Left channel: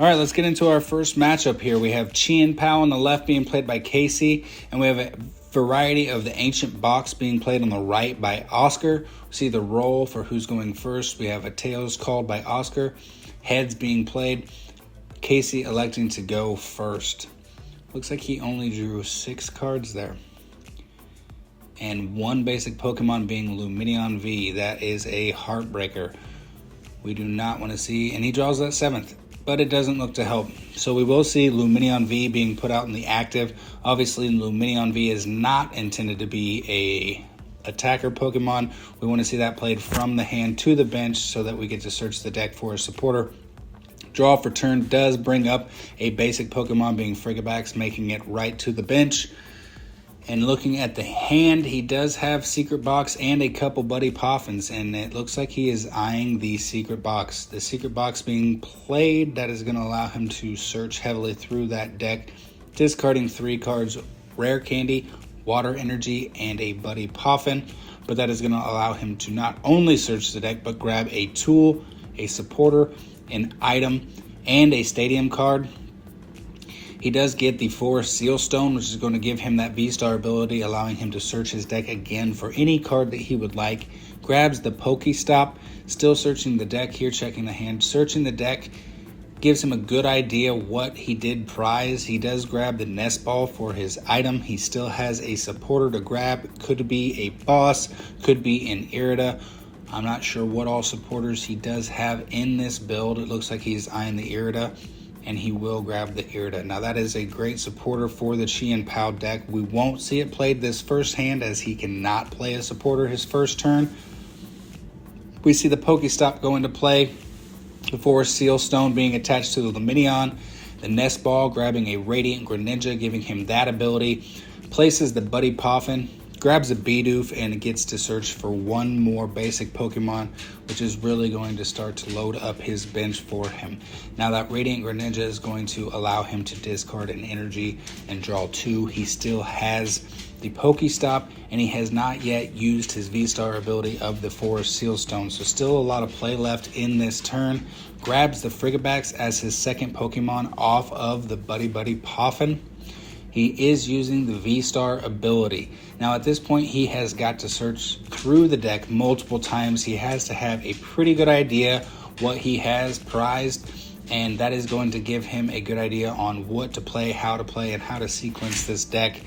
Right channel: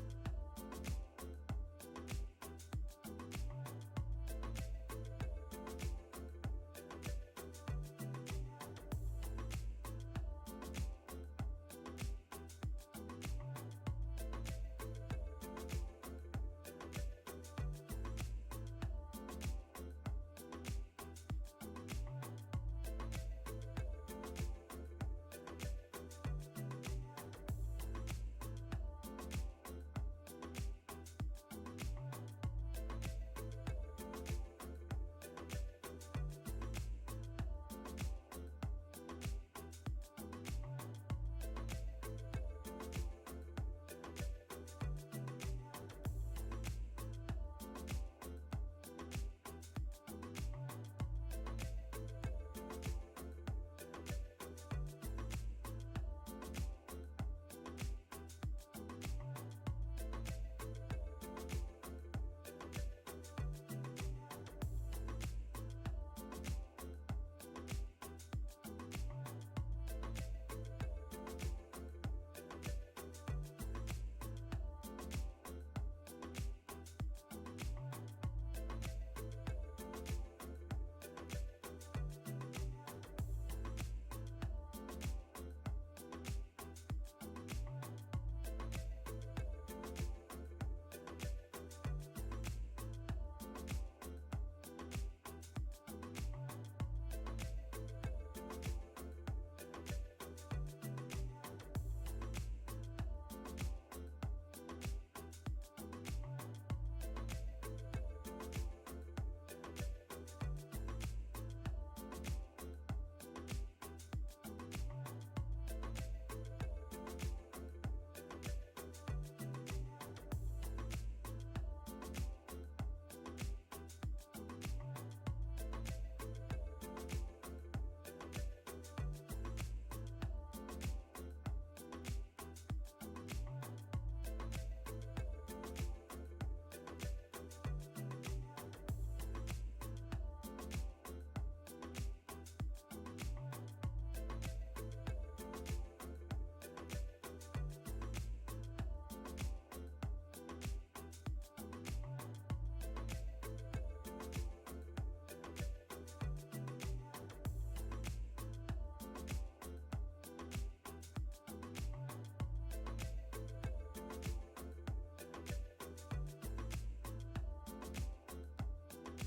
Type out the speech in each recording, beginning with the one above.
All right, let's get into our first matchup here. We have Chien Pao on the left being played by Casey, and we have a variety of the Ancient Box being played on the right by Oscar. We see the roll for who's going first. We have a tails called by Oscar, heads being played, Casey electing to go first. Looks like he only drew 6 cards there. And one basic Pokemon being Lumineon V. That is a heartbreaker. We do not want to see, and he draws that 7th, but it doesn't look to help. So we will see Lumineon V being put out in the active. Obviously, Lumineon V is not intended to be a attacker Pokemon. We want to see that played from the hand to the bench so that we get to search the deck for a supporter. Draw for turn does bring up a basic Pokemon being Frigibax, making it right to the bench. And looking at the hand, he does have Secret Box and a couple Buddy Poffins, and it looks like he is eyeing the Secret Box. The Secret Box being played, that is going to allow him to search heavily through that deck, discarding 3 cards, Rare Candy, Water Energy, and a Buddy Poffin. But that is going to allow him to not only search the deck, but grab a tool, a supporter, an item, and a stadium card. He does get the Forest Seal Stone, which is going to give him that V-Star ability, allowing him to search his deck again for any card that he would like. Grabs the Pokestop, still searching the deck here, checking the hand. Searching the deck gives him a good idea what he did prize. He does grab the Nest Ball for his item. He still has a supporter to grab. Could be a boss, could be an Irida. I'm not sure what all supporters he does have in this build. It looks like he's eyeing the Irida, and he will grab the Irida. Now that is a great supporter for the Chien Pao deck. We won't see it played this first hand as he cannot play a supporter his first turn. We see the Pokestop go into play, the Forest Seal Stone being attached to the Lumineon, the Nest Ball grabbing a Radiant Greninja, giving him that ability, places the Buddy Poffin, grabs a Bidoof, and gets to search for one more basic Pokemon, which is really going to start to load up his bench for him. Now that Radiant Greninja is going to allow him to discard an energy and draw 2. He still has the Pokestop, and he has not yet used his V-Star ability of the Forest Seal Stone, so still a lot of play left in this turn. Grabs the Frigibax as his second Pokemon off of the Buddy Poffin. He is using the V-Star ability. Now at this point, he has got to search through the deck multiple times. He has to have a pretty good idea what he has prized, and that is going to give him a good idea on what to play, and how to sequence this deck.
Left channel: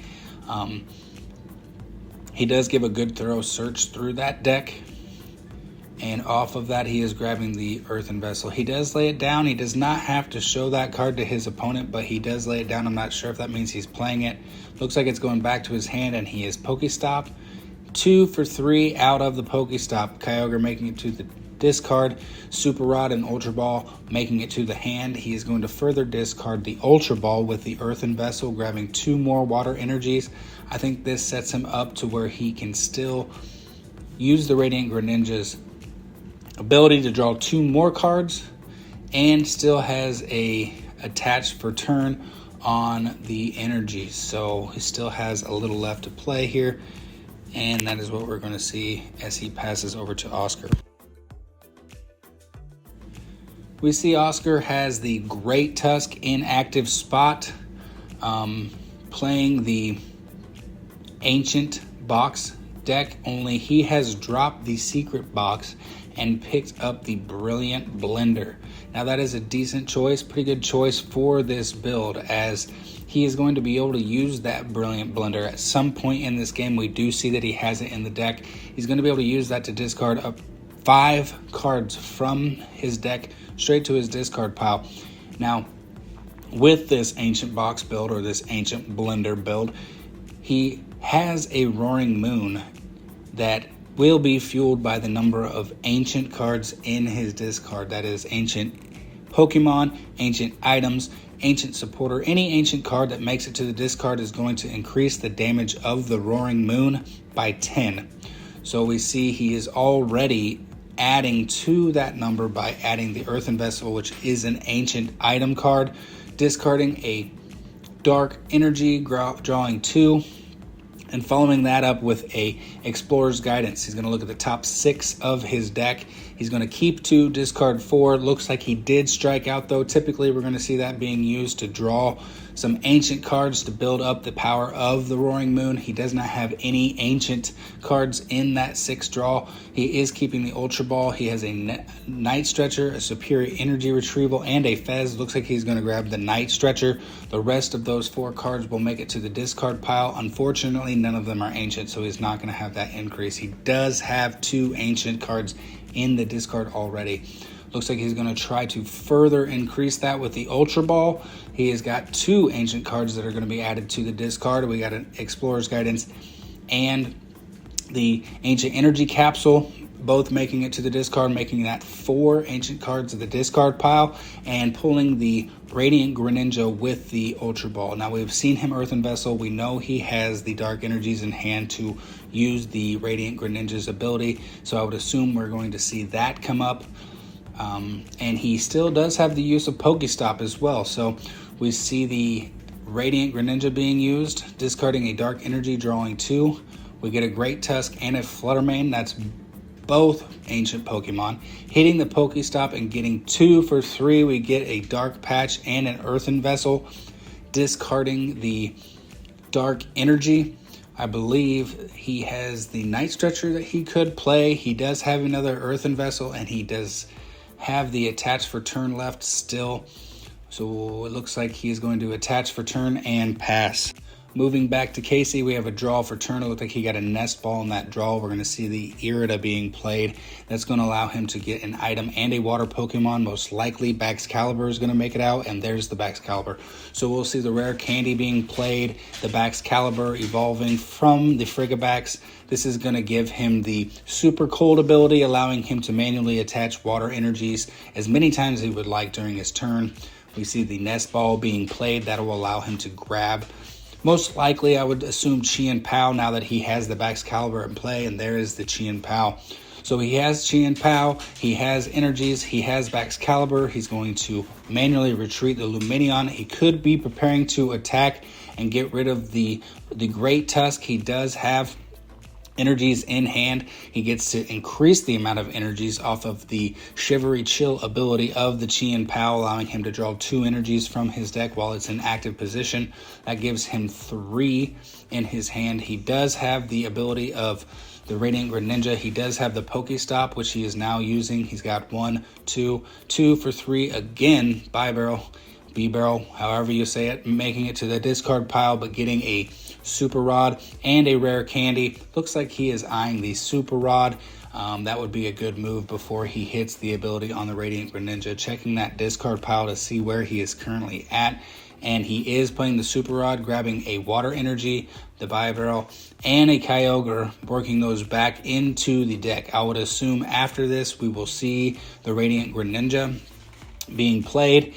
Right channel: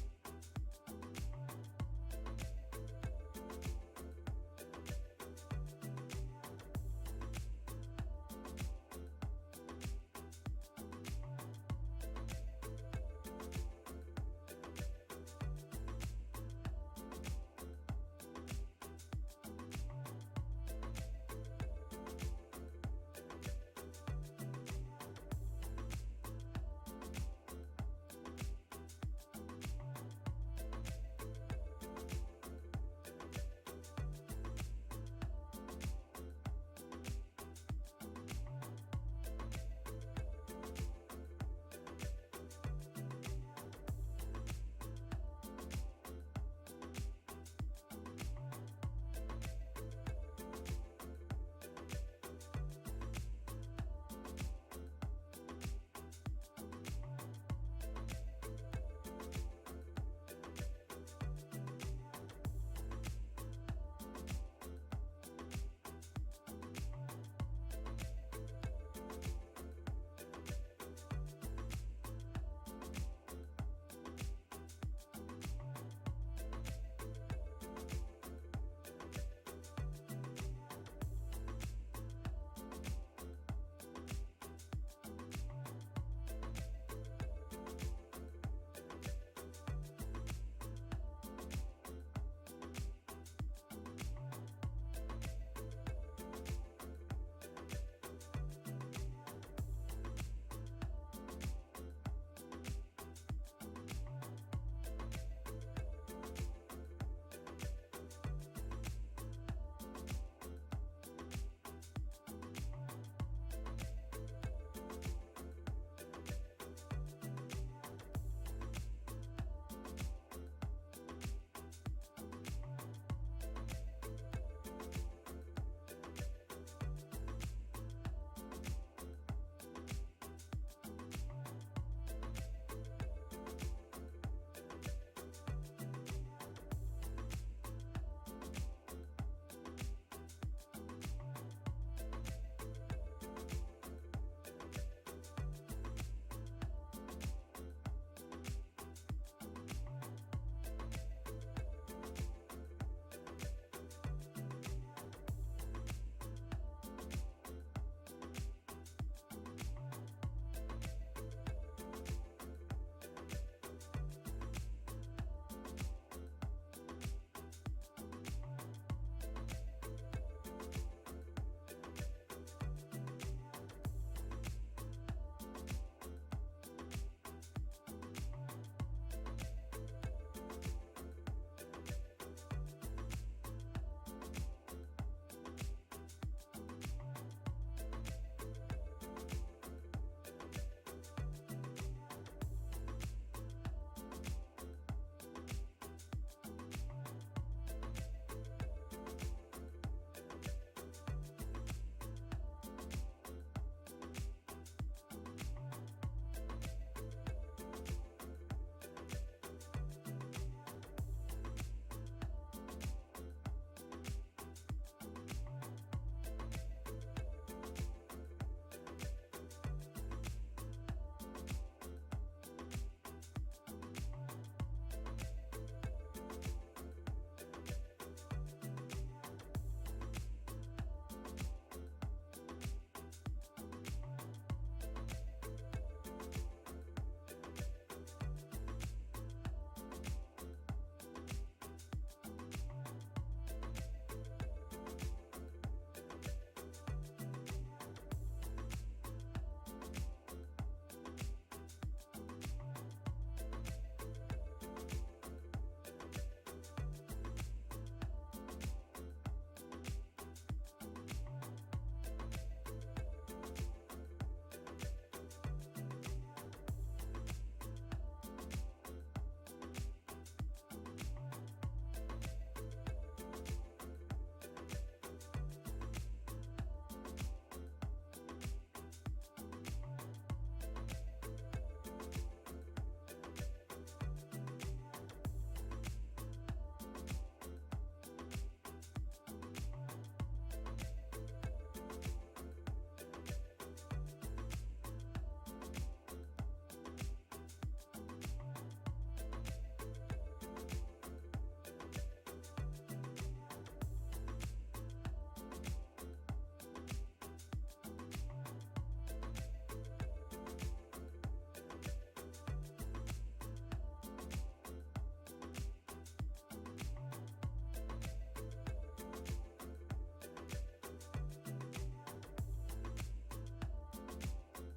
He does give a good thorough search through that deck, and off of that he is grabbing the Earthen Vessel. He does lay it down. He does not have to show that card to his opponent, but he does lay it down. I'm not sure if that means he's playing it. Looks like it's going back to his hand, and he is Pokestop. 2 for 3 out of the Pokestop. Kyogre making it to the discard. Super Rod and Ultra Ball making it to the hand. He is going to further discard the Ultra Ball with the Earthen Vessel, grabbing 2 more Water Energies. I think this sets him up to where he can still use the Radiant Greninja's ability to draw 2 more cards, and still has a attached for turn on the energies. So he still has a little left to play here, and that is what we're going to see as he passes over to Oscar. We see Oscar has the Great Tusk in active spot, playing the Ancient Box deck, only he has dropped the Secret Box and picked up the Brilliant Blender. Now that is a decent choice, pretty good choice for this build, as he is going to be able to use that Brilliant Blender at some point in this game. We do see that he has it in the deck. He's going to be able to use that to discard up 5 cards from his deck straight to his discard pile. Now with this Ancient Box build, or this Ancient Blender build, he has a Roaring Moon that will be fueled by the number of ancient cards in his discard. That is ancient Pokemon, ancient items, ancient supporter. Any ancient card that makes it to the discard is going to increase the damage of the Roaring Moon by 10. So we see he is already adding to that number by adding the Earthen Vessel, which is an ancient item card, discarding a Dark Energy, drawing 2, and following that up with a Explorer's Guidance. He's going to look at the top 6 of his deck. He's He's going to keep 2, discard 4. Looks like he did strike out though. Typically we're going to see that being used to draw some ancient cards to build up the power of the Roaring Moon. He does not have any ancient cards in that 6 draw. He is keeping the Ultra Ball. He has a Night Stretcher, a Superior Energy Retrieval, and a Fez. Looks like he's going to grab the Night Stretcher. The rest of those 4 cards will make it to the discard pile. Unfortunately, none of them are ancient, so he's not going to have that increase. He does have 2 ancient cards in the discard already. Looks like he's going to try to further increase that with the Ultra Ball. He has got 2 ancient cards that are going to be added to the discard. We got an Explorer's Guidance and the Ancient Energy Capsule, both making it to the discard, making that 4 ancient cards of the discard pile, and pulling the Radiant Greninja with the Ultra Ball. Now, we've seen him Earthen Vessel. We know he has the Dark Energies in hand to use the Radiant Greninja's ability, so I would assume we're going to see that come up. And he still does have the use of Pokestop as well, so we see the Radiant Greninja being used, discarding a Dark Energy, drawing 2. We get a Great Tusk and a Fluttermane. That's both ancient Pokemon. Hitting the Pokestop and getting 2 for 3. We get a Dark Patch and an Earthen Vessel. Discarding the Dark Energy. I believe he has the Night Stretcher that he could play. He does have another Earthen Vessel, and he does have the Attach for Turn left still. So it looks like he's going to Attach for Turn and pass. Moving back to Casey, we have a draw for turn. It looked like he got a Nest Ball in that draw. We're going to see the Irida being played. That's going to allow him to get an item and a water Pokemon. Most likely, Baxcalibur is going to make it out, and there's the Baxcalibur. So we'll see the Rare Candy being played, the Baxcalibur evolving from the Frigibax. This is going to give him the Super Cold ability, allowing him to manually attach water energies as many times as he would like during his turn. We see the Nest Ball being played. That will allow him to grab, most likely, I would assume, Chien Pao, now that he has the Baxcalibur in play, and there is the Chien Pao. So he has Chien Pao, he has energies, he has Baxcalibur. He's going to manually retreat the Lumineon. He could be preparing to attack and get rid of the Great Tusk. He does have energies in hand. He gets to increase the amount of energies off of the Shivery Chill ability of the Chien Pao, allowing him to draw 2 energies from his deck while it's in active position. That gives him 3 in his hand. He does have the ability of the Radiant Greninja. He does have the Pokestop, which he is now using. He's got 1, 2 for 3 again. B-Barrel, however you say it, making it to the discard pile, but getting a Super Rod and a Rare Candy. Looks like he is eyeing the Super Rod. That would be a good move before he hits the ability on the Radiant Greninja. Checking that discard pile to see where he is currently at. And he is playing the Super Rod, grabbing a Water Energy, the Barrel, and a Kyogre, working those back into the deck. I would assume after this we will see the Radiant Greninja being played.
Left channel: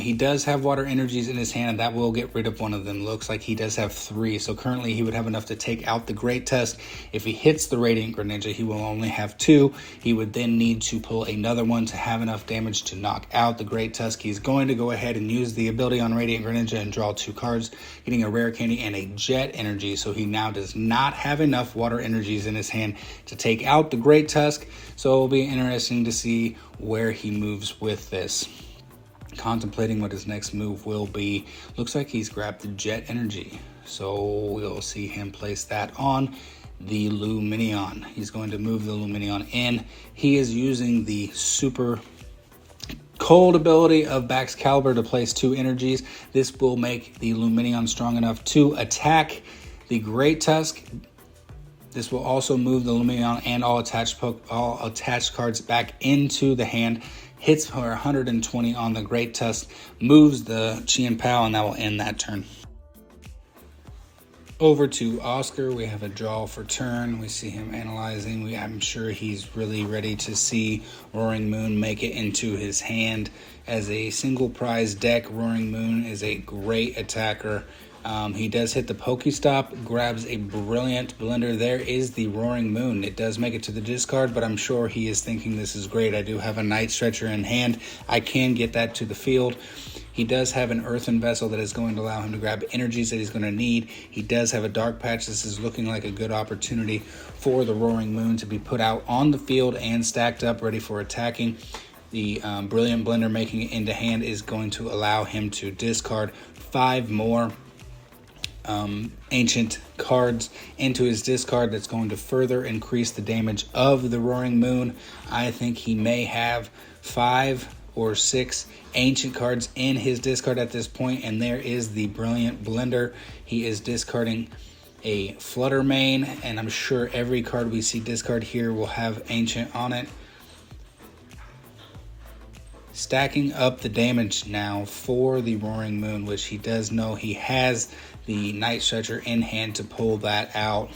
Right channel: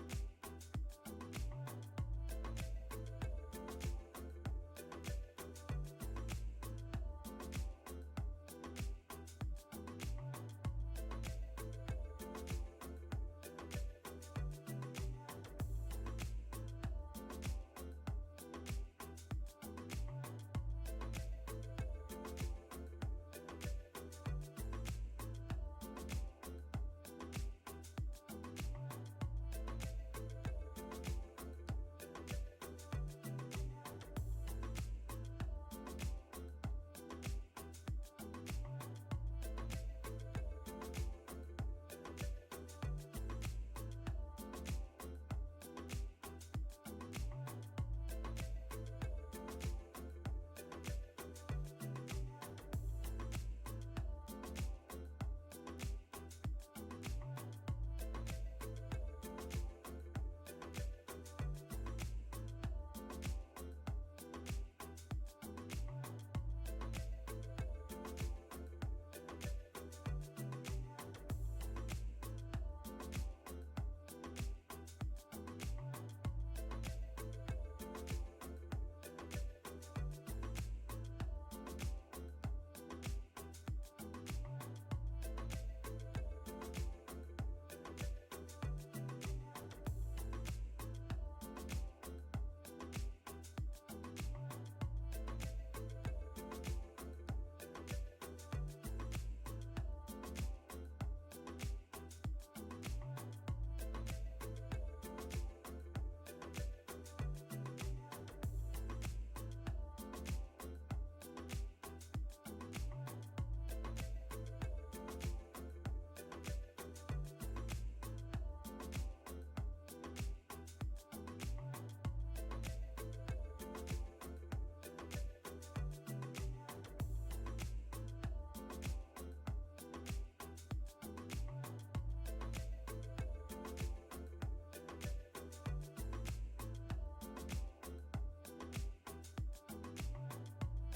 He does have water energies in his hand, and that will get rid of one of them. Looks like he does have 3, so currently he would have enough to take out the Great Tusk. If he hits the Radiant Greninja, he will only have 2. He would then need to pull another one to have enough damage to knock out the Great Tusk. He's going to go ahead and use the ability on Radiant Greninja and draw 2 cards, getting a Rare Candy and a Jet Energy, so he now does not have enough water energies in his hand to take out the Great Tusk. So it will be interesting to see where he moves with this. Contemplating what his next move will be. Looks like he's grabbed the Jet Energy, so we'll see him place that on the Lumineon. He's going to move the Lumineon in. He is using the Super Cold ability of Baxcalibur to place 2 energies. This will make the Lumineon strong enough to attack the Great Tusk. This will also move the Lumineon and all attached cards back into the hand. Hits for 120 on the Great Tusk, moves the Chien Pao, and that will end that turn. Over to Oscar, we have a draw for turn. We see him analyzing. I'm sure he's really ready to see Roaring Moon make it into his hand. As a single prize deck, Roaring Moon is a great attacker. He does hit the Pokestop, grabs a brilliant blender. There is the Roaring Moon. It does make it to the discard, but I'm sure he is thinking this is great. I do have a Night Stretcher in hand. I can get that to the field. He does have an earthen vessel that is going to allow him to grab energies that he's going to need. He does have a dark patch. This is looking like a good opportunity for the Roaring Moon to be put out on the field and stacked up, ready for attacking. The Brilliant Blender making it into hand is going to allow him to discard 5 more ancient cards into his discard. That's going to further increase the damage of the Roaring Moon. I think he may have 5 or 6 ancient cards in his discard at this point, and there is the Brilliant Blender. He is discarding a Flutter Mane, and I'm sure every card we see discard here will have ancient on it. Stacking up the damage now for the Roaring Moon, which he does know he has the Night Stretcher in hand to pull that out.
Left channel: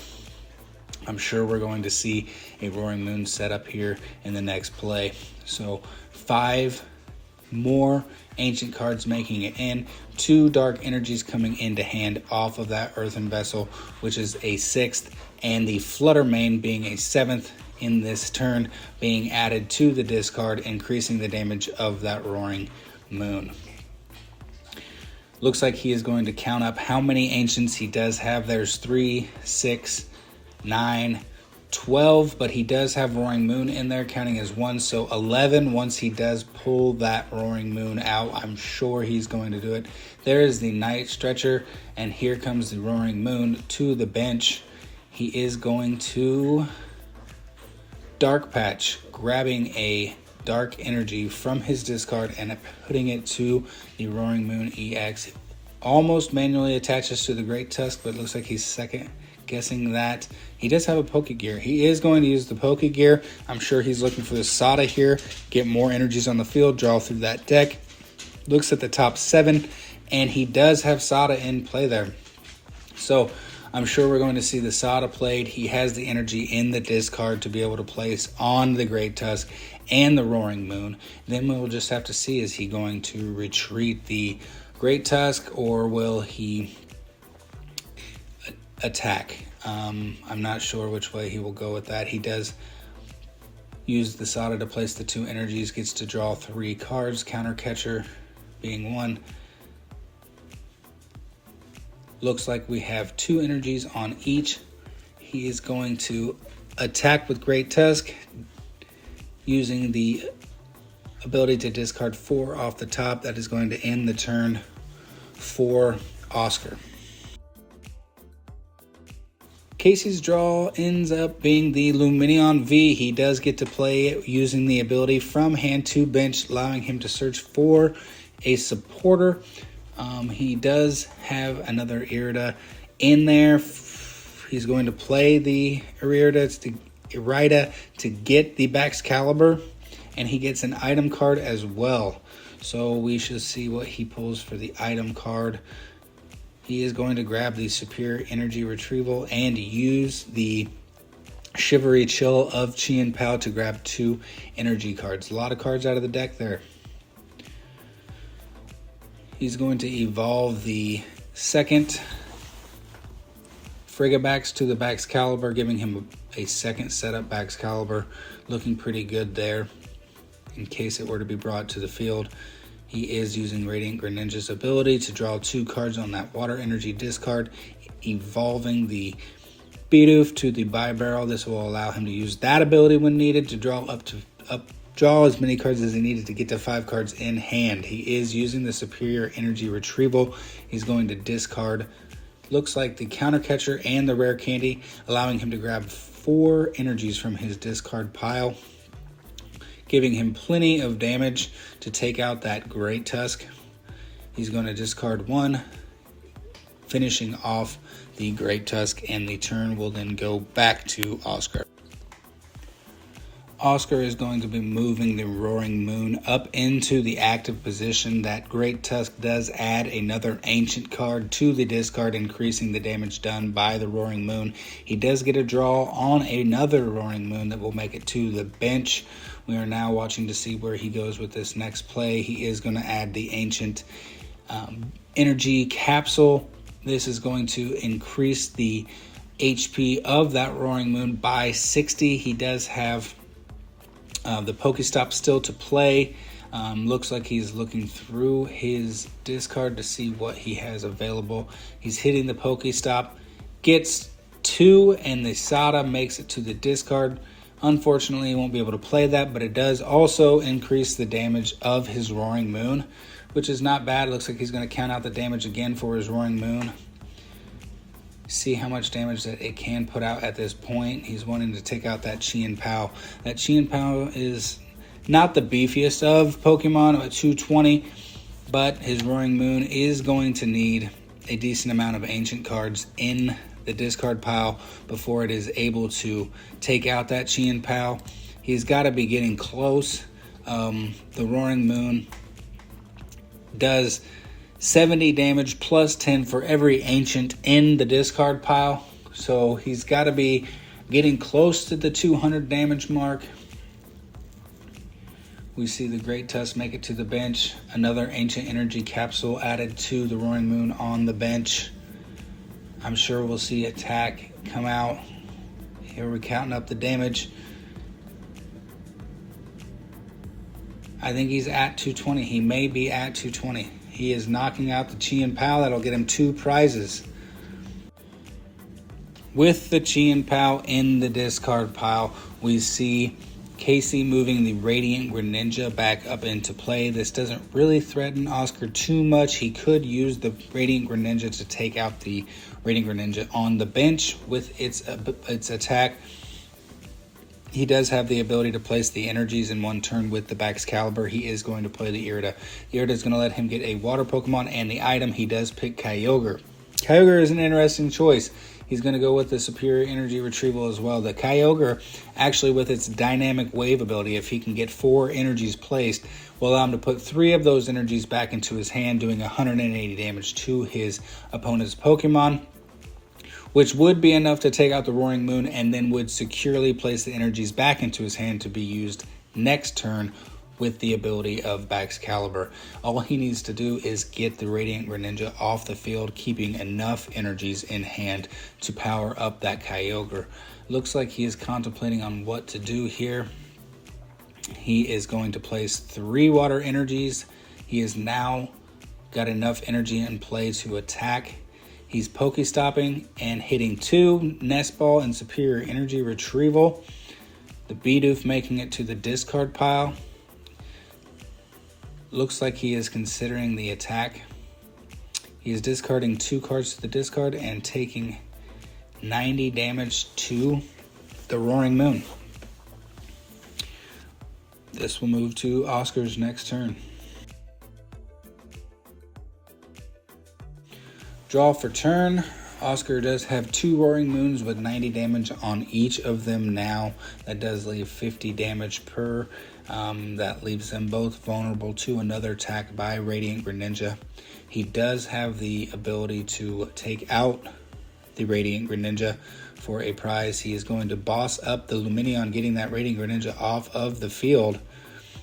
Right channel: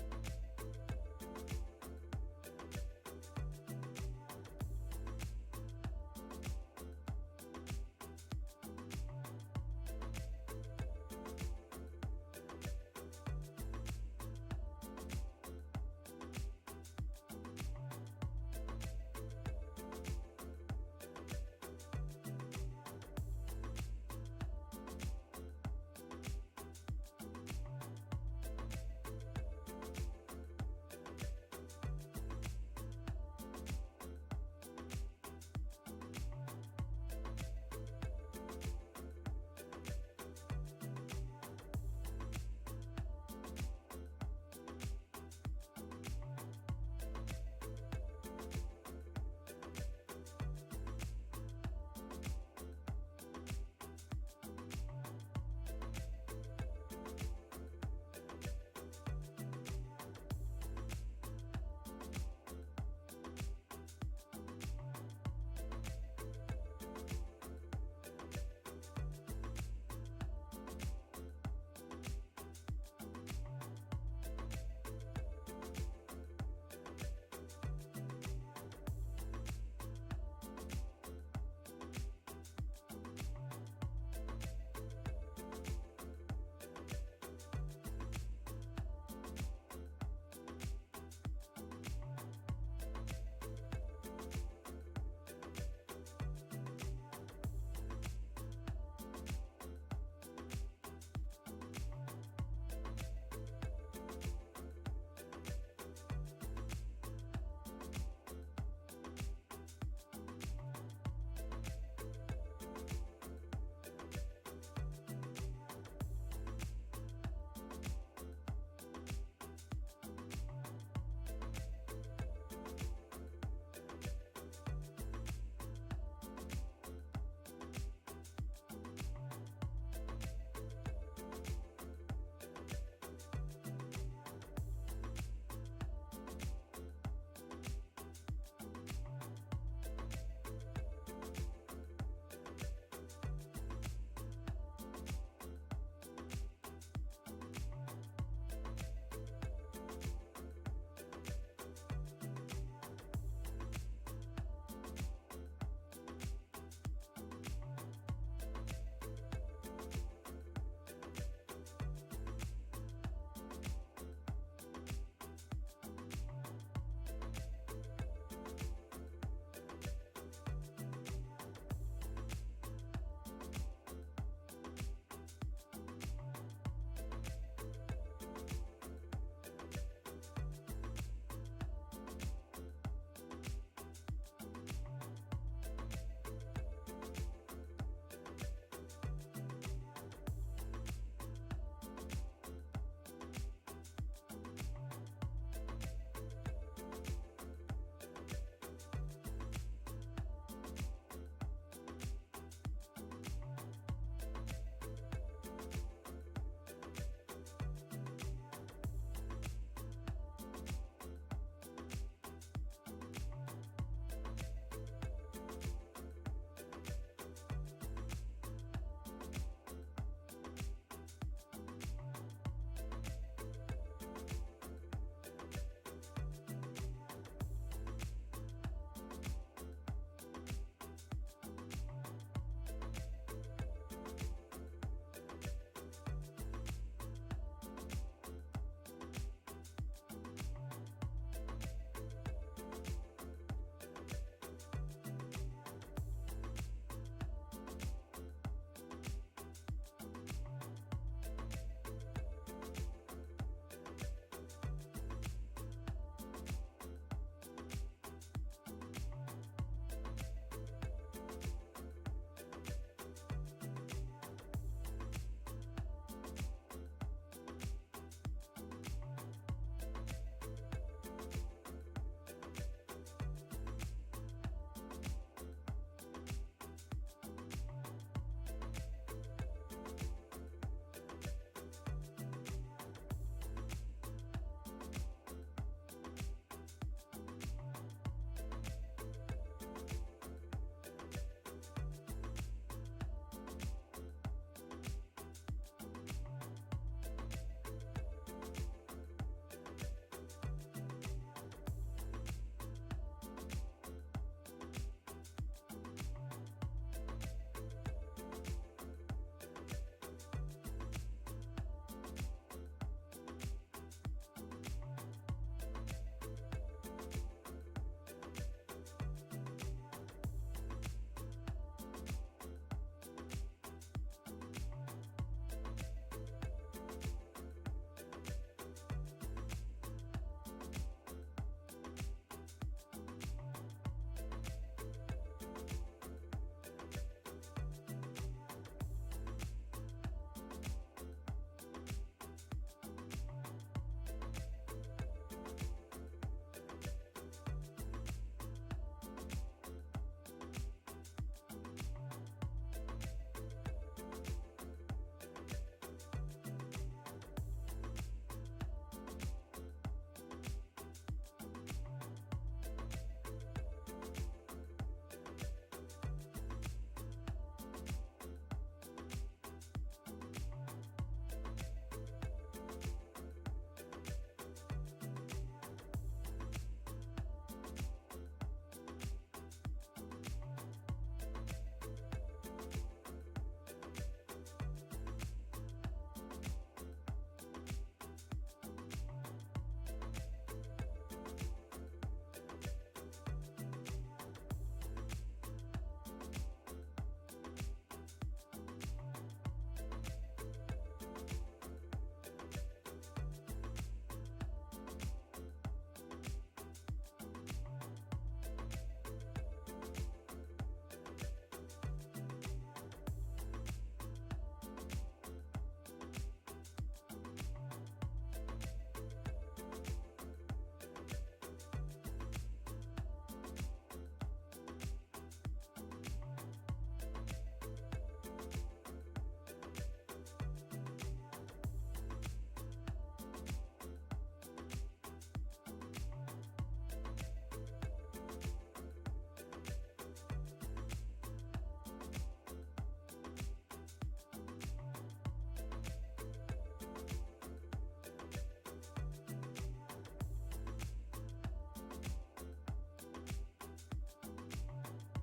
I'm sure we're going to see a Roaring Moon setup here in the next play. So 5 more ancient cards making it in, 2 dark energies coming into hand off of that earthen vessel, which is a 6th, and the Flutter Mane being a 7th in this turn being added to the discard, increasing the damage of that Roaring Moon. Looks like he is going to count up how many ancients he does have. There's 3, 6, 9, 12, but he does have Roaring Moon in there, counting as 1, so 11 once he does pull that Roaring Moon out. I'm sure he's going to do it. There is the Night Stretcher, and here comes the Roaring Moon to the bench. He is going to Dark Patch, grabbing a dark energy from his discard and putting it to the Roaring Moon EX. Almost manually attaches to the Great Tusk, but it looks like he's second guessing that. He does have a Pokegear. He is going to use the Pokegear. I'm sure he's looking for the Sada here, get more energies on the field, draw through that deck. Looks at the top 7, and he does have Sada in play there. So I'm sure we're going to see the Sada played. He has the energy in the discard to be able to place on the Great Tusk and the Roaring Moon. Then we'll just have to see, is he going to retreat the Great Tusk or will he attack? I'm not sure which way he will go with that. He does use the Sada to place the 2 energies, gets to draw 3 cards, Counter Catcher being 1. Looks like we have 2 energies on each. He is going to attack with Great Tusk, using the ability to discard 4 off the top. That is going to end the turn for Oscar. Casey's draw ends up being the Lumineon V. He does get to play it using the ability from hand to bench, allowing him to search for a supporter. He does have another Irida in there. He's going to play the Irida to get the Baxcalibur, and he gets an item card as well. So we should see what he pulls for the item card. He is going to grab the Superior Energy Retrieval and use the Shivery Chill of Chien Pao to grab 2 energy cards. A lot of cards out of the deck there. He's going to evolve the second Frigibax to the Baxcalibur, giving him a second setup Baxcalibur. Looking pretty good there in case it were to be brought to the field. He is using Radiant Greninja's ability to draw 2 cards on that Water Energy discard, evolving the Bidoof to the Bibarrel. This will allow him to use that ability when needed to draw draw as many cards as he needed to get to 5 cards in hand. He is using the Superior Energy Retrieval. He's going to discard, looks like the Counter Catcher and the Rare Candy, allowing him to grab 4 energies from his discard pile, giving him plenty of damage to take out that Great Tusk. He's going to discard 1, finishing off the Great Tusk, and the turn will then go back to Oscar. Oscar is going to be moving the Roaring Moon up into the active position. That Great Tusk does add another ancient card to the discard, increasing the damage done by the Roaring Moon. He does get a draw on another Roaring Moon that will make it to the bench. We are now watching to see where he goes with this next play. He is going to add the ancient energy capsule. This is going to increase the HP of that Roaring Moon by 60. He does have the Pokestop still to play, Looks like he's looking through his discard to see what he has available. He's hitting the Pokestop, gets 2, and the Sada makes it to the discard. Unfortunately, he won't be able to play that, but it does also increase the damage of his Roaring Moon, which is not bad. Looks like he's going to count out the damage again for his Roaring Moon. See how much damage that it can put out at this point. He's wanting to take out that Chien Pao. That Chien Pao is not the beefiest of Pokemon at 220, but his Roaring Moon is going to need a decent amount of ancient cards in the discard pile before it is able to take out that Chien Pao. He's got to be getting close. The Roaring Moon does 70 damage plus 10 for every ancient in the discard pile, so he's got to be getting close to the 200 damage mark. We see the Great Tusk make it to the bench. Another Ancient Energy Capsule added to the Roaring Moon on the bench. I'm sure we'll see attack come out. Here we're counting up the damage. I think he's at 220. He may be at 220. He is knocking out the Chien Pao. That'll get him 2 prizes. With the Chien Pao in the discard pile, we see Casey moving the Radiant Greninja back up into play. This doesn't really threaten Oscar too much. He could use the Radiant Greninja to take out the Radiant Greninja on the bench with its attack. He does have the ability to place the energies in one turn with the Baxcalibur. He is going to play the Irida. The Irida is going to let him get a water Pokemon and the item. He does pick Kyogre. Kyogre is an interesting choice. He's going to go with the Superior Energy Retrieval as well. The Kyogre, actually with its Dynamic Wave ability, if he can get 4 energies placed, will allow him to put 3 of those energies back into his hand, doing 180 damage to his opponent's Pokemon, which would be enough to take out the Roaring Moon and then would securely place the energies back into his hand to be used next turn with the ability of Baxcalibur. All he needs to do is get the Radiant Greninja off the field, keeping enough energies in hand to power up that Kyogre. Looks like he is contemplating on what to do here. He is going to place 3 water energies. He has now got enough energy in play to attack. He's Pokestopping and hitting 2, Nest Ball and Superior Energy Retrieval. The Bidoof making it to the discard pile. Looks like he is considering the attack. He is discarding 2 cards to the discard and taking 90 damage to the Roaring Moon. This will move to Oscar's next turn. Draw for turn. Oscar does have 2 Roaring Moons with 90 damage on each of them now. That does leave 50 damage per. That leaves them both vulnerable to another attack by Radiant Greninja. He does have the ability to take out the Radiant Greninja for a prize. He is going to boss up the Lumineon, getting that Radiant Greninja off of the field.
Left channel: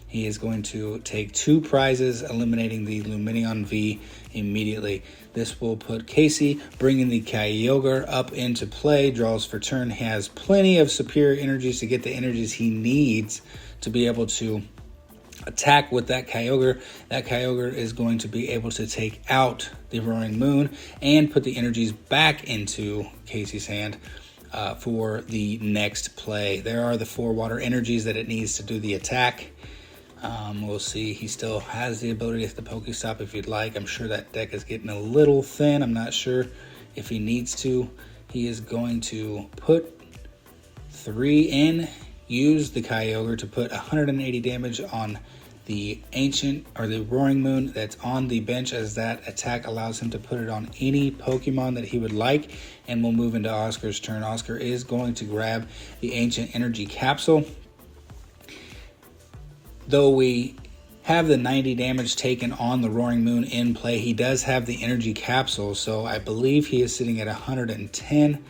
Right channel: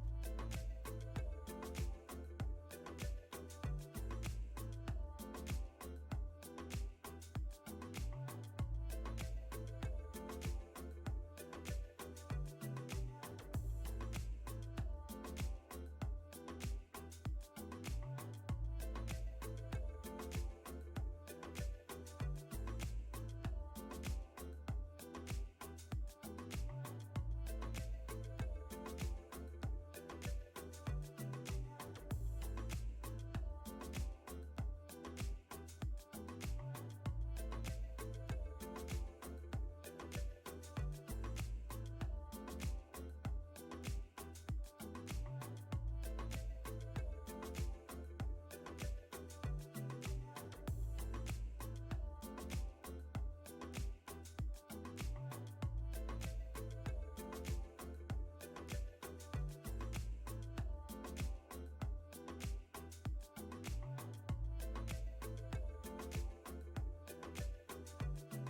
He is going to take 2 prizes, eliminating the Lumineon V immediately. This will put Casey, bringing the Kyogre up into play. Draws for turn. He has plenty of superior energies to get the energies he needs to be able to attack with that Kyogre. That Kyogre is going to be able to take out the Roaring Moon and put the energies back into Casey's hand for the next play. There are the 4 water energies that it needs to do the attack. We'll see. He still has the ability to hit the Pokestop if you'd like. I'm sure that deck is getting a little thin. I'm not sure if he needs to. He is going to put 3 in, use the Kyogre to put 180 damage on the Ancient or the Roaring Moon that's on the bench, as that attack allows him to put it on any Pokemon that he would like. And we'll move into Oscar's turn. Oscar is going to grab the Ancient Energy Capsule. Though we have the 90 damage taken on the Roaring Moon in play, he does have the Energy Capsule, so I believe he is sitting at 110.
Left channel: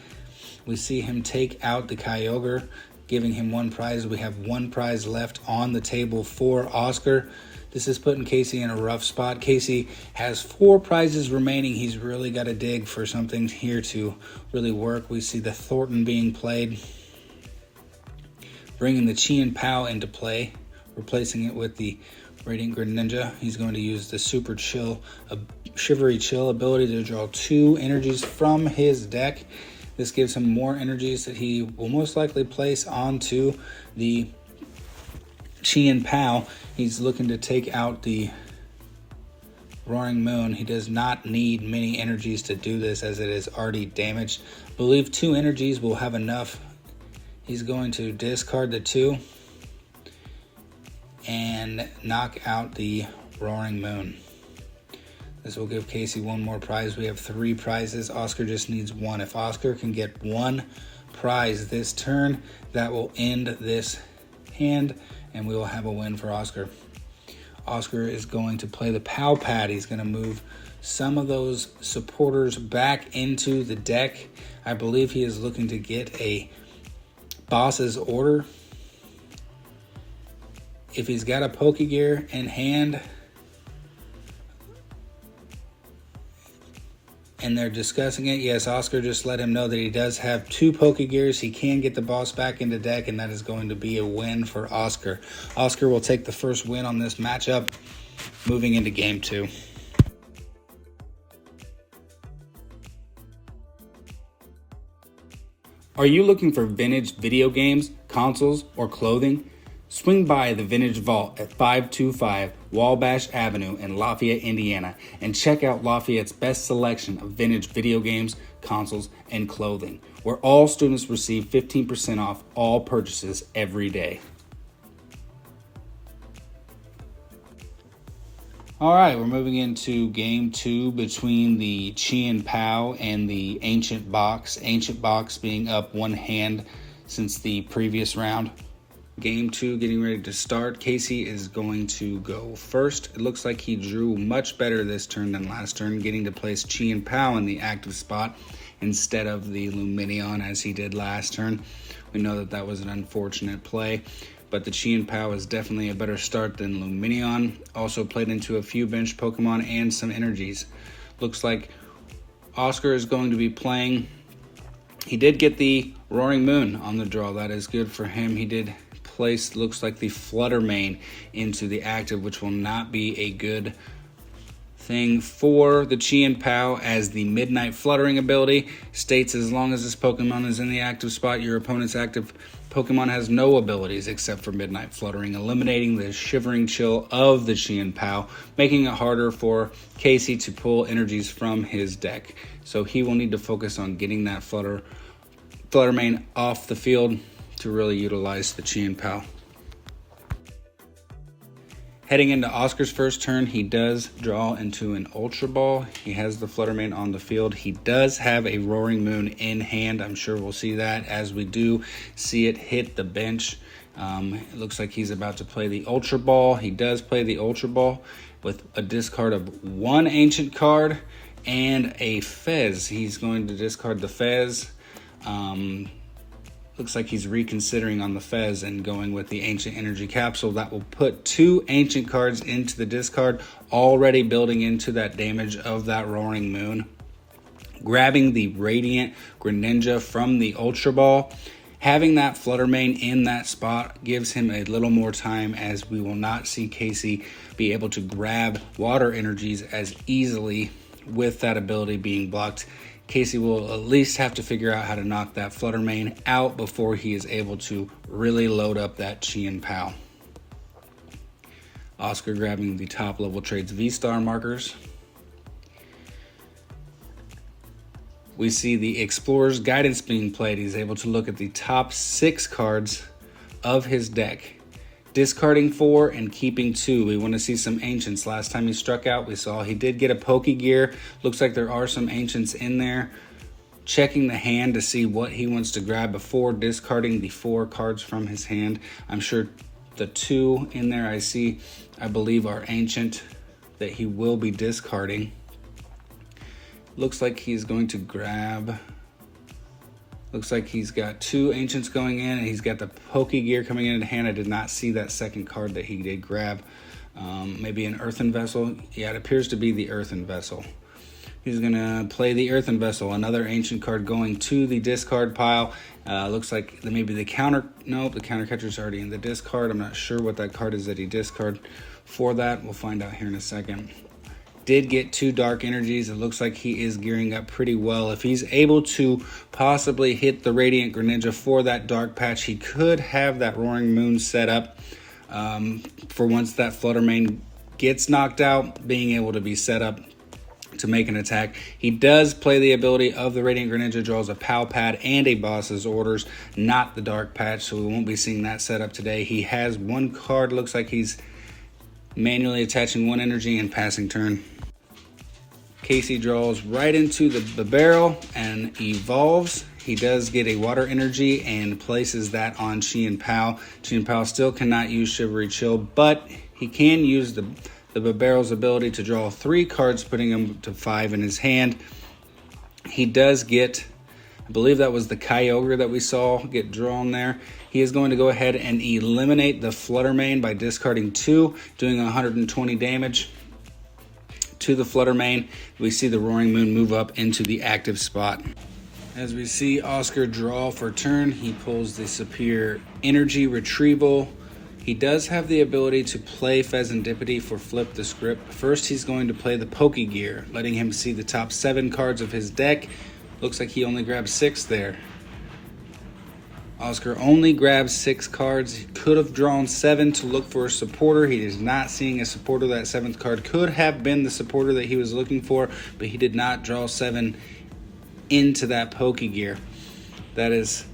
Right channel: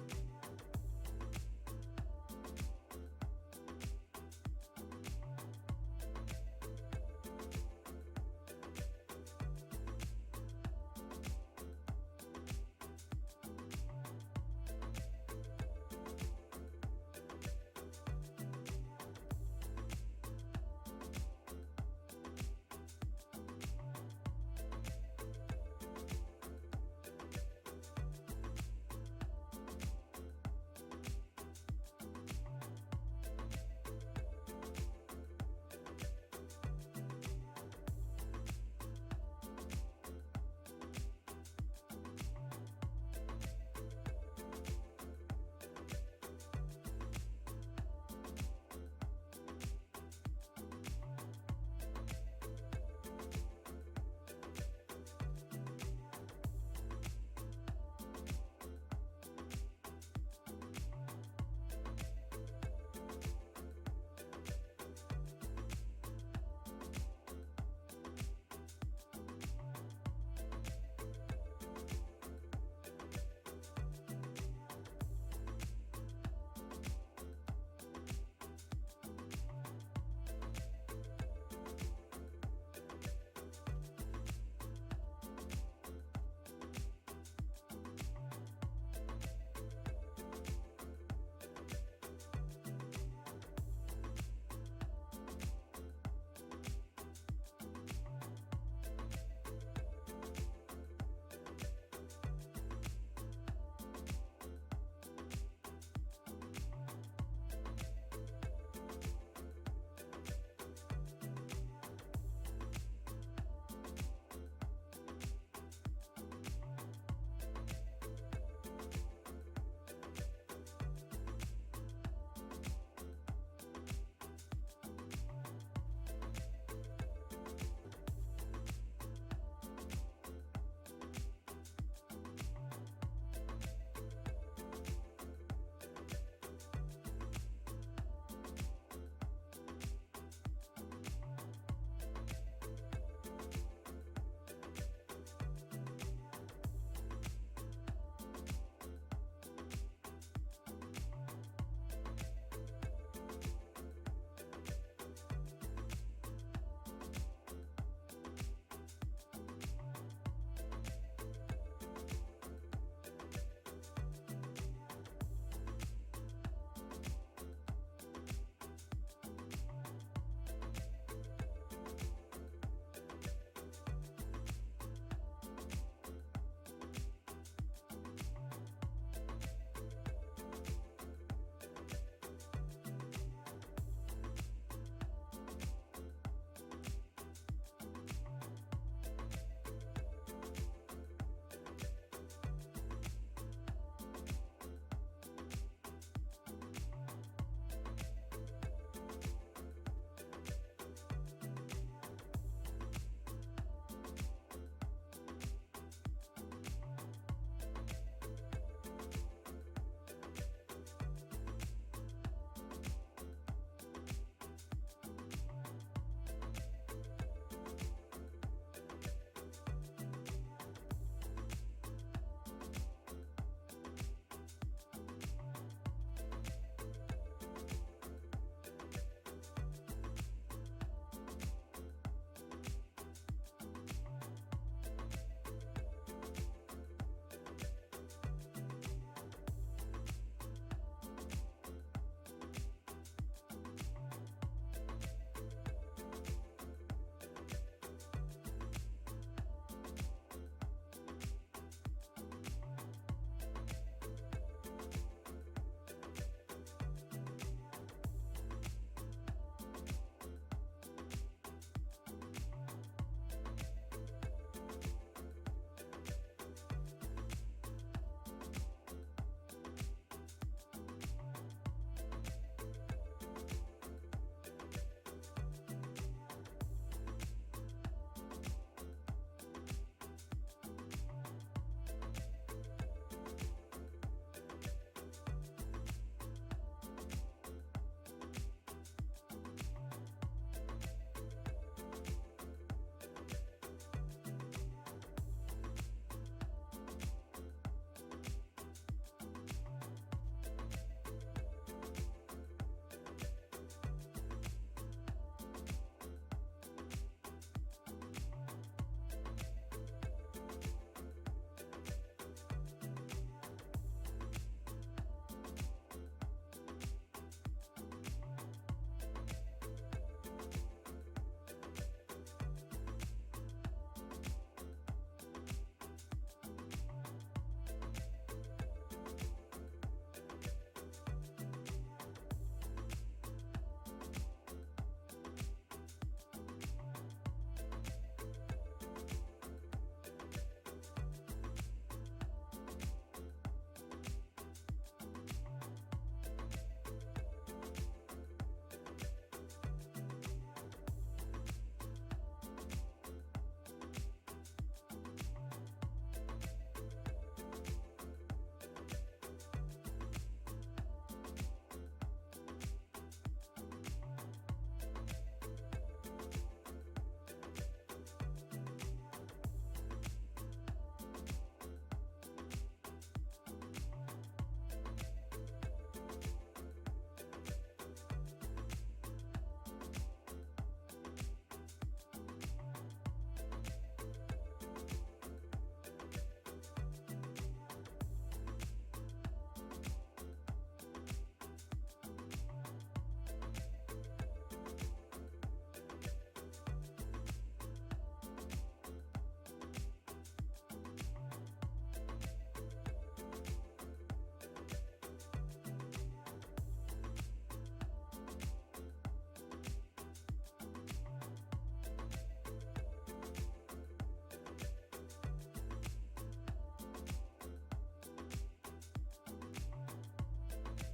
We see him take out the Kyogre, giving him 1 prize. We have 1 prize left on the table for Oscar. This is putting Casey in a rough spot. Casey has 4 prizes remaining. He's really got to dig for something here to really work. We see the Thornton being played, bringing the Chien Pao into play, replacing it with the Radiant Greninja. He's going to use the Super Chill, Shivery Chill ability to draw 2 energies from his deck. This gives him more energies that he will most likely place onto the Chien Pao. He's looking to take out the Roaring Moon. He does not need many energies to do this as it is already damaged. I believe 2 energies will have enough. He's going to discard the 2 and knock out the Roaring Moon. This will give Casey 1 more prize. We have 3 prizes. Oscar just needs 1. If Oscar can get 1 prize this turn, that will end this hand, and we will have a win for Oscar. Oscar is going to play the Pow Pad. He's going to move some of those supporters back into the deck. I believe he is looking to get a Boss's Order. If he's got a Pokegear in hand and they're discussing it, yes, Oscar just let him know that he does have 2 Pokegears. He can get the boss back into deck, and that is going to be a win for Oscar. Oscar will take the first win on this matchup, moving into game 2. Are you looking for vintage video games, consoles, or clothing? Swing by the Vintage Vault at 525 Wabash Avenue in Lafayette, Indiana, and check out Lafayette's best selection of vintage video games, consoles, and clothing, where all students receive 15% off all purchases every day. All right, we're moving into game 2 between the Chien Pao and the Ancient Box. Ancient Box being up 1 hand since the previous round. Game 2 getting ready to start. Casey is going to go first. It looks like he drew much better this turn than last turn, getting to place Chien Pao in the active spot instead of the Lumineon as he did last turn. We know that that was an unfortunate play, but the Chien Pao is definitely a better start than Lumineon. Also played into a few bench Pokemon and some energies. Looks like Oscar is going to be playing. He did get the Roaring Moon on the draw. That is good for him. He did place, looks like, the Flutter Mane into the active, which will not be a good thing for the Chien Pao, as the Midnight Fluttering ability states as long as this Pokemon is in the active spot, your opponent's active Pokemon has no abilities except for Midnight Fluttering, eliminating the Shivering Chill of the Chien Pao, making it harder for Casey to pull energies from his deck. So he will need to focus on getting that Flutter Mane off the field to really utilize the Chien Pao. Heading into Oscar's first turn, he does draw into an Ultra Ball. He has the Flutter Mane on the field. He does have a Roaring Moon in hand. I'm sure we'll see that as we do see it hit the bench. It looks like he's about to play the Ultra Ball. He does play the Ultra Ball with a discard of 1 Ancient card and a Fez. He's going to discard the Fez. Looks like he's reconsidering on the Fez and going with the Ancient Energy Capsule. That will put 2 Ancient cards into the discard, already building into that damage of that Roaring Moon. Grabbing the Radiant Greninja from the Ultra Ball. Having that Flutter Mane in that spot gives him a little more time, as we will not see Casey be able to grab water energies as easily with that ability being blocked. Casey will at least have to figure out how to knock that Flutter Mane out before he is able to really load up that Chien Pao. Oscar grabbing the top Level Trades V-Star markers. We see the Explorer's Guidance being played. He's able to look at the top 6 cards of his deck, discarding 4 and keeping 2. We want to see some Ancients. Last time he struck out, we saw he did get a Pokegear. Looks like there are some Ancients in there. Checking the hand to see what he wants to grab before discarding the 4 cards from his hand. I'm sure the 2 in there I believe are Ancient that he will be discarding. Looks like he's going to grab... Looks like he's got 2 Ancients going in, and he's got the Pokegear coming in hand. I did not see that second card that he did grab. Maybe an Earthen Vessel. Yeah, it appears to be the Earthen Vessel. He's going to play the Earthen Vessel, another Ancient card going to the discard pile. Looks like maybe the counter... Nope, the counter catcher's already in the discard. I'm not sure what that card is that he discarded for that. We'll find out here in a second. Did get 2 dark energies. It looks like he is gearing up pretty well. If he's able to possibly hit the Radiant Greninja for that dark patch, he could have that Roaring Moon set up for once that Flutter Mane gets knocked out, being able to be set up to make an attack. He does play the ability of the Radiant Greninja, draws a Pal Pad and a Boss's Orders, not the dark patch, so we won't be seeing that set up today. He has 1 card, looks like he's manually attaching 1 energy and passing turn. Casey draws right into the barrel and evolves. He does get a water energy and places that on Chien Pao. Chien Pao still cannot use Shivery Chill, but he can use the Barrel's ability to draw 3 cards, putting him to 5 in his hand. He does get, I believe that was the Kyogre that we saw get drawn there. He is going to go ahead and eliminate the Flutter Mane by discarding 2, doing 120 damage to the Flutter Mane. We see the Roaring Moon move up into the active spot. As we see Oscar draw for turn, he pulls the Superior Energy Retrieval. He does have the ability to play Pheasantipity for Flip the Script. First, he's going to play the Pokegear, letting him see the top 7 cards of his deck. Looks like he only grabbed 6 there. Oscar only grabs 6 cards. He could have drawn 7 to look for a supporter. He is not seeing a supporter. That 7th card could have been the supporter that he was looking for, but he did not draw 7 into that Pokegear. That is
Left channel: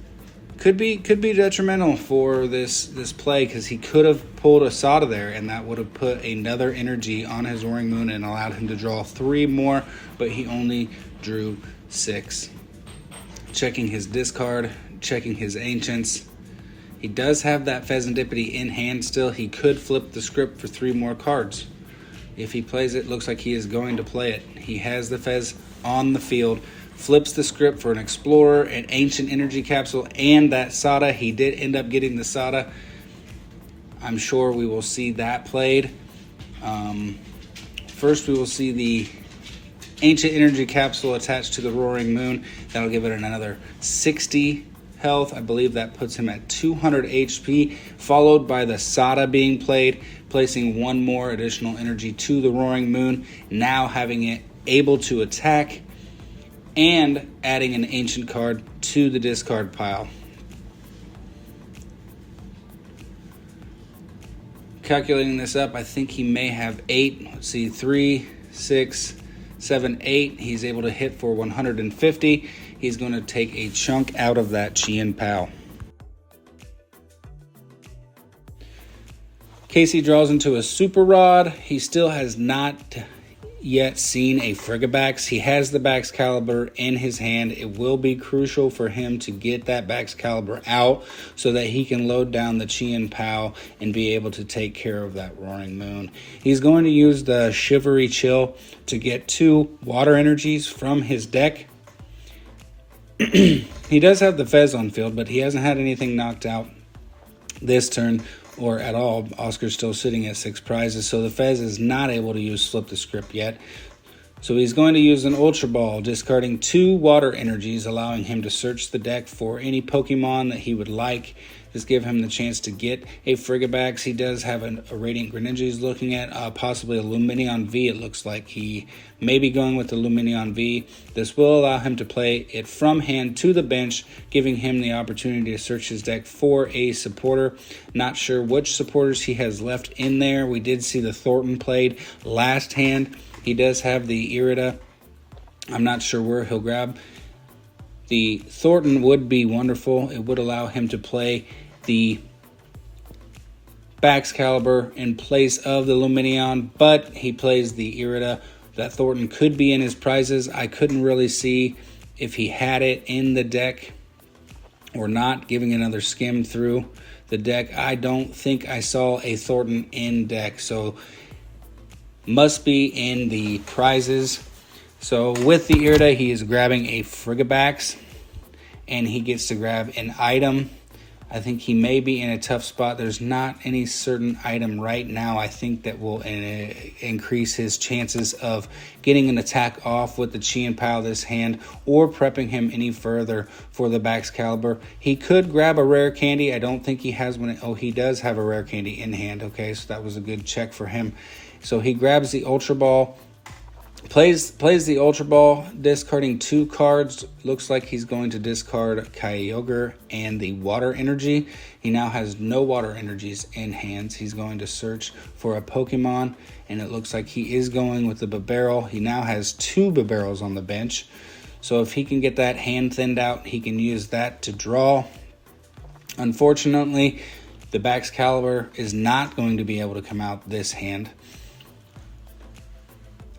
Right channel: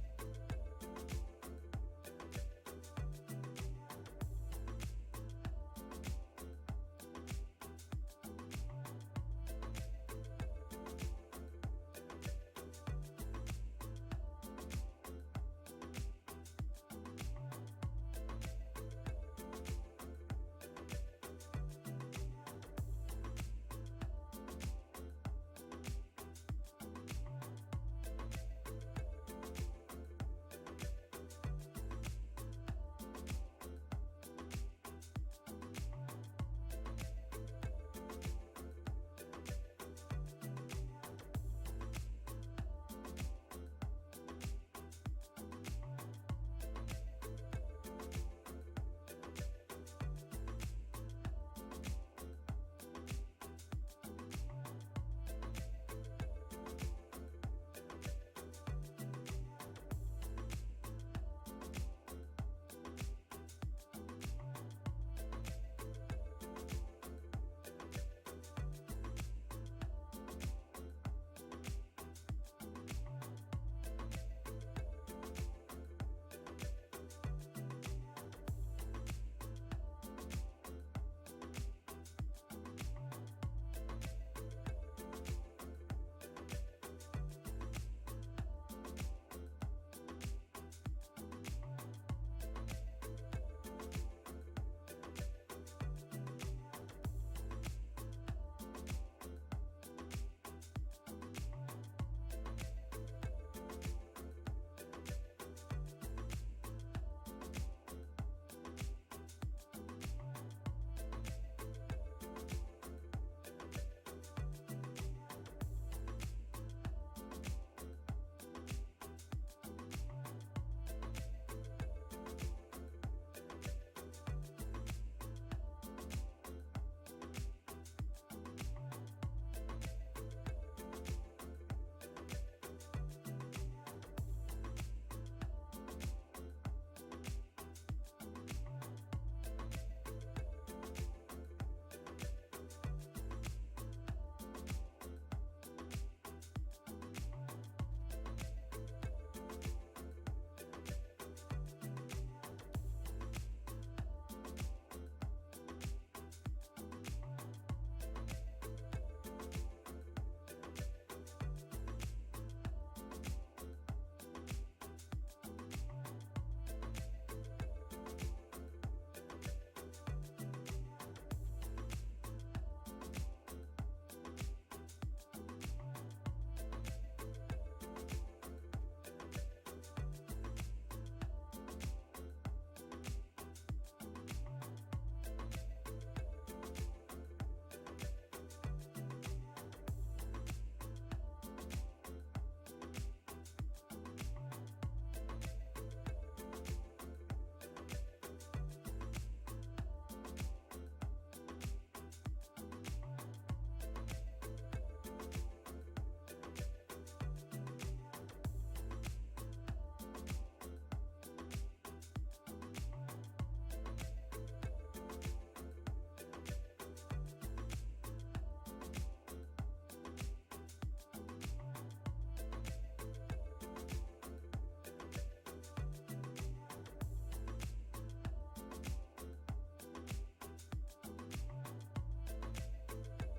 could be detrimental for this play, because he could have pulled a Sada there, and that would have put another energy on his Roaring Moon and allowed him to draw 3 more, but he only drew 6. Checking his discard, checking his Ancients. He does have that Pheasantipity in hand still. He could flip the script for 3 more cards. If he plays it, looks like he is going to play it. He has the Fez on the field, flips the script for an Explorer, an Ancient Energy Capsule, and that Sada. He did end up getting the Sada. I'm sure we will see that played. First, we will see the Ancient Energy Capsule attached to the Roaring Moon. That'll give it another 60 health. I believe that puts him at 200 HP, followed by the Sada being played, placing 1 more additional energy to the Roaring Moon, now having it able to attack, and adding an Ancient card to the discard pile. Calculating this up, I think he may have 8. Let's see, 3, 6, 7, 8. He's able to hit for 150. He's going to take a chunk out of that Chien Pao. Casey draws into a Super Rod. He still has not yet seen a Frigibax. He has the Baxcalibur in his hand. It will be crucial for him to get that Baxcalibur out so that he can load down the Chien Pao and be able to take care of that Roaring Moon. He's going to use the Shivery Chill to get 2 water energies from his deck. He does have the Fez on field, but he hasn't had anything knocked out this turn or at all. Oscar's still sitting at 6 prizes, so the Fez is not able to use Flip the Script yet. So he's going to use an Ultra Ball, discarding 2 water energies, allowing him to search the deck for any Pokemon that he would like. Just give him the chance to get a Frigibax. He does have a Radiant Greninja he's looking at, possibly a Lumineon V. It looks like he may be going with the Lumineon V. This will allow him to play it from hand to the bench, giving him the opportunity to search his deck for a supporter. Not sure which supporters he has left in there. We did see the Thornton played last hand. He does have the Irida. I'm not sure where he'll grab. The Thornton would be wonderful. It would allow him to play the Baxcalibur in place of the Lumineon, but he plays the Irida. That Thornton could be in his prizes. I couldn't really see if he had it in the deck or not. Giving another skim through the deck, I don't think I saw a Thornton in deck, so must be in the prizes. So with the Irida, he is grabbing a Frigibax, and he gets to grab an item. I think he may be in a tough spot. There's not any certain item right now I think that will increase his chances of getting an attack off with the Chien Pao this hand or prepping him any further for the Baxcalibur. He could grab a rare candy. I don't think he has one. Oh, he does have a rare candy in hand. Okay, so that was a good check for him. So he grabs the Ultra Ball. Plays the Ultra Ball, discarding 2 cards. Looks like he's going to discard Kyogre and the Water Energy. He now has no Water Energies in hands. He's going to search for a Pokemon, and it looks like he is going with the Bibarel. He now has 2 Bibarels on the bench. So if he can get that hand thinned out, he can use that to draw. Unfortunately, the Baxcalibur is not going to be able to come out this hand.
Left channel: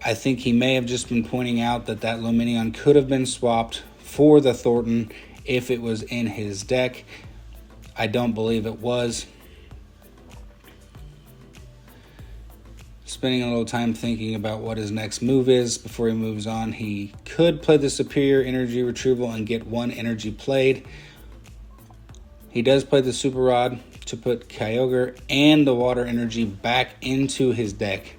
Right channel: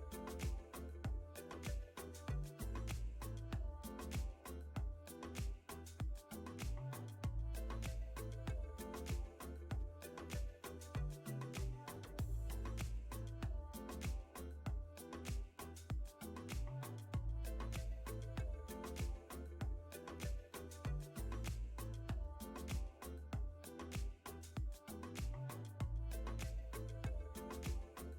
I think he may have just been pointing out that Lumineon could have been swapped for the Thornton if it was in his deck. I don't believe it was. Spending a little time thinking about what his next move is before he moves on. He could play the Superior Energy Retrieval and get 1 energy played. He does play the Super Rod to put Kyogre and the Water Energy back into his deck.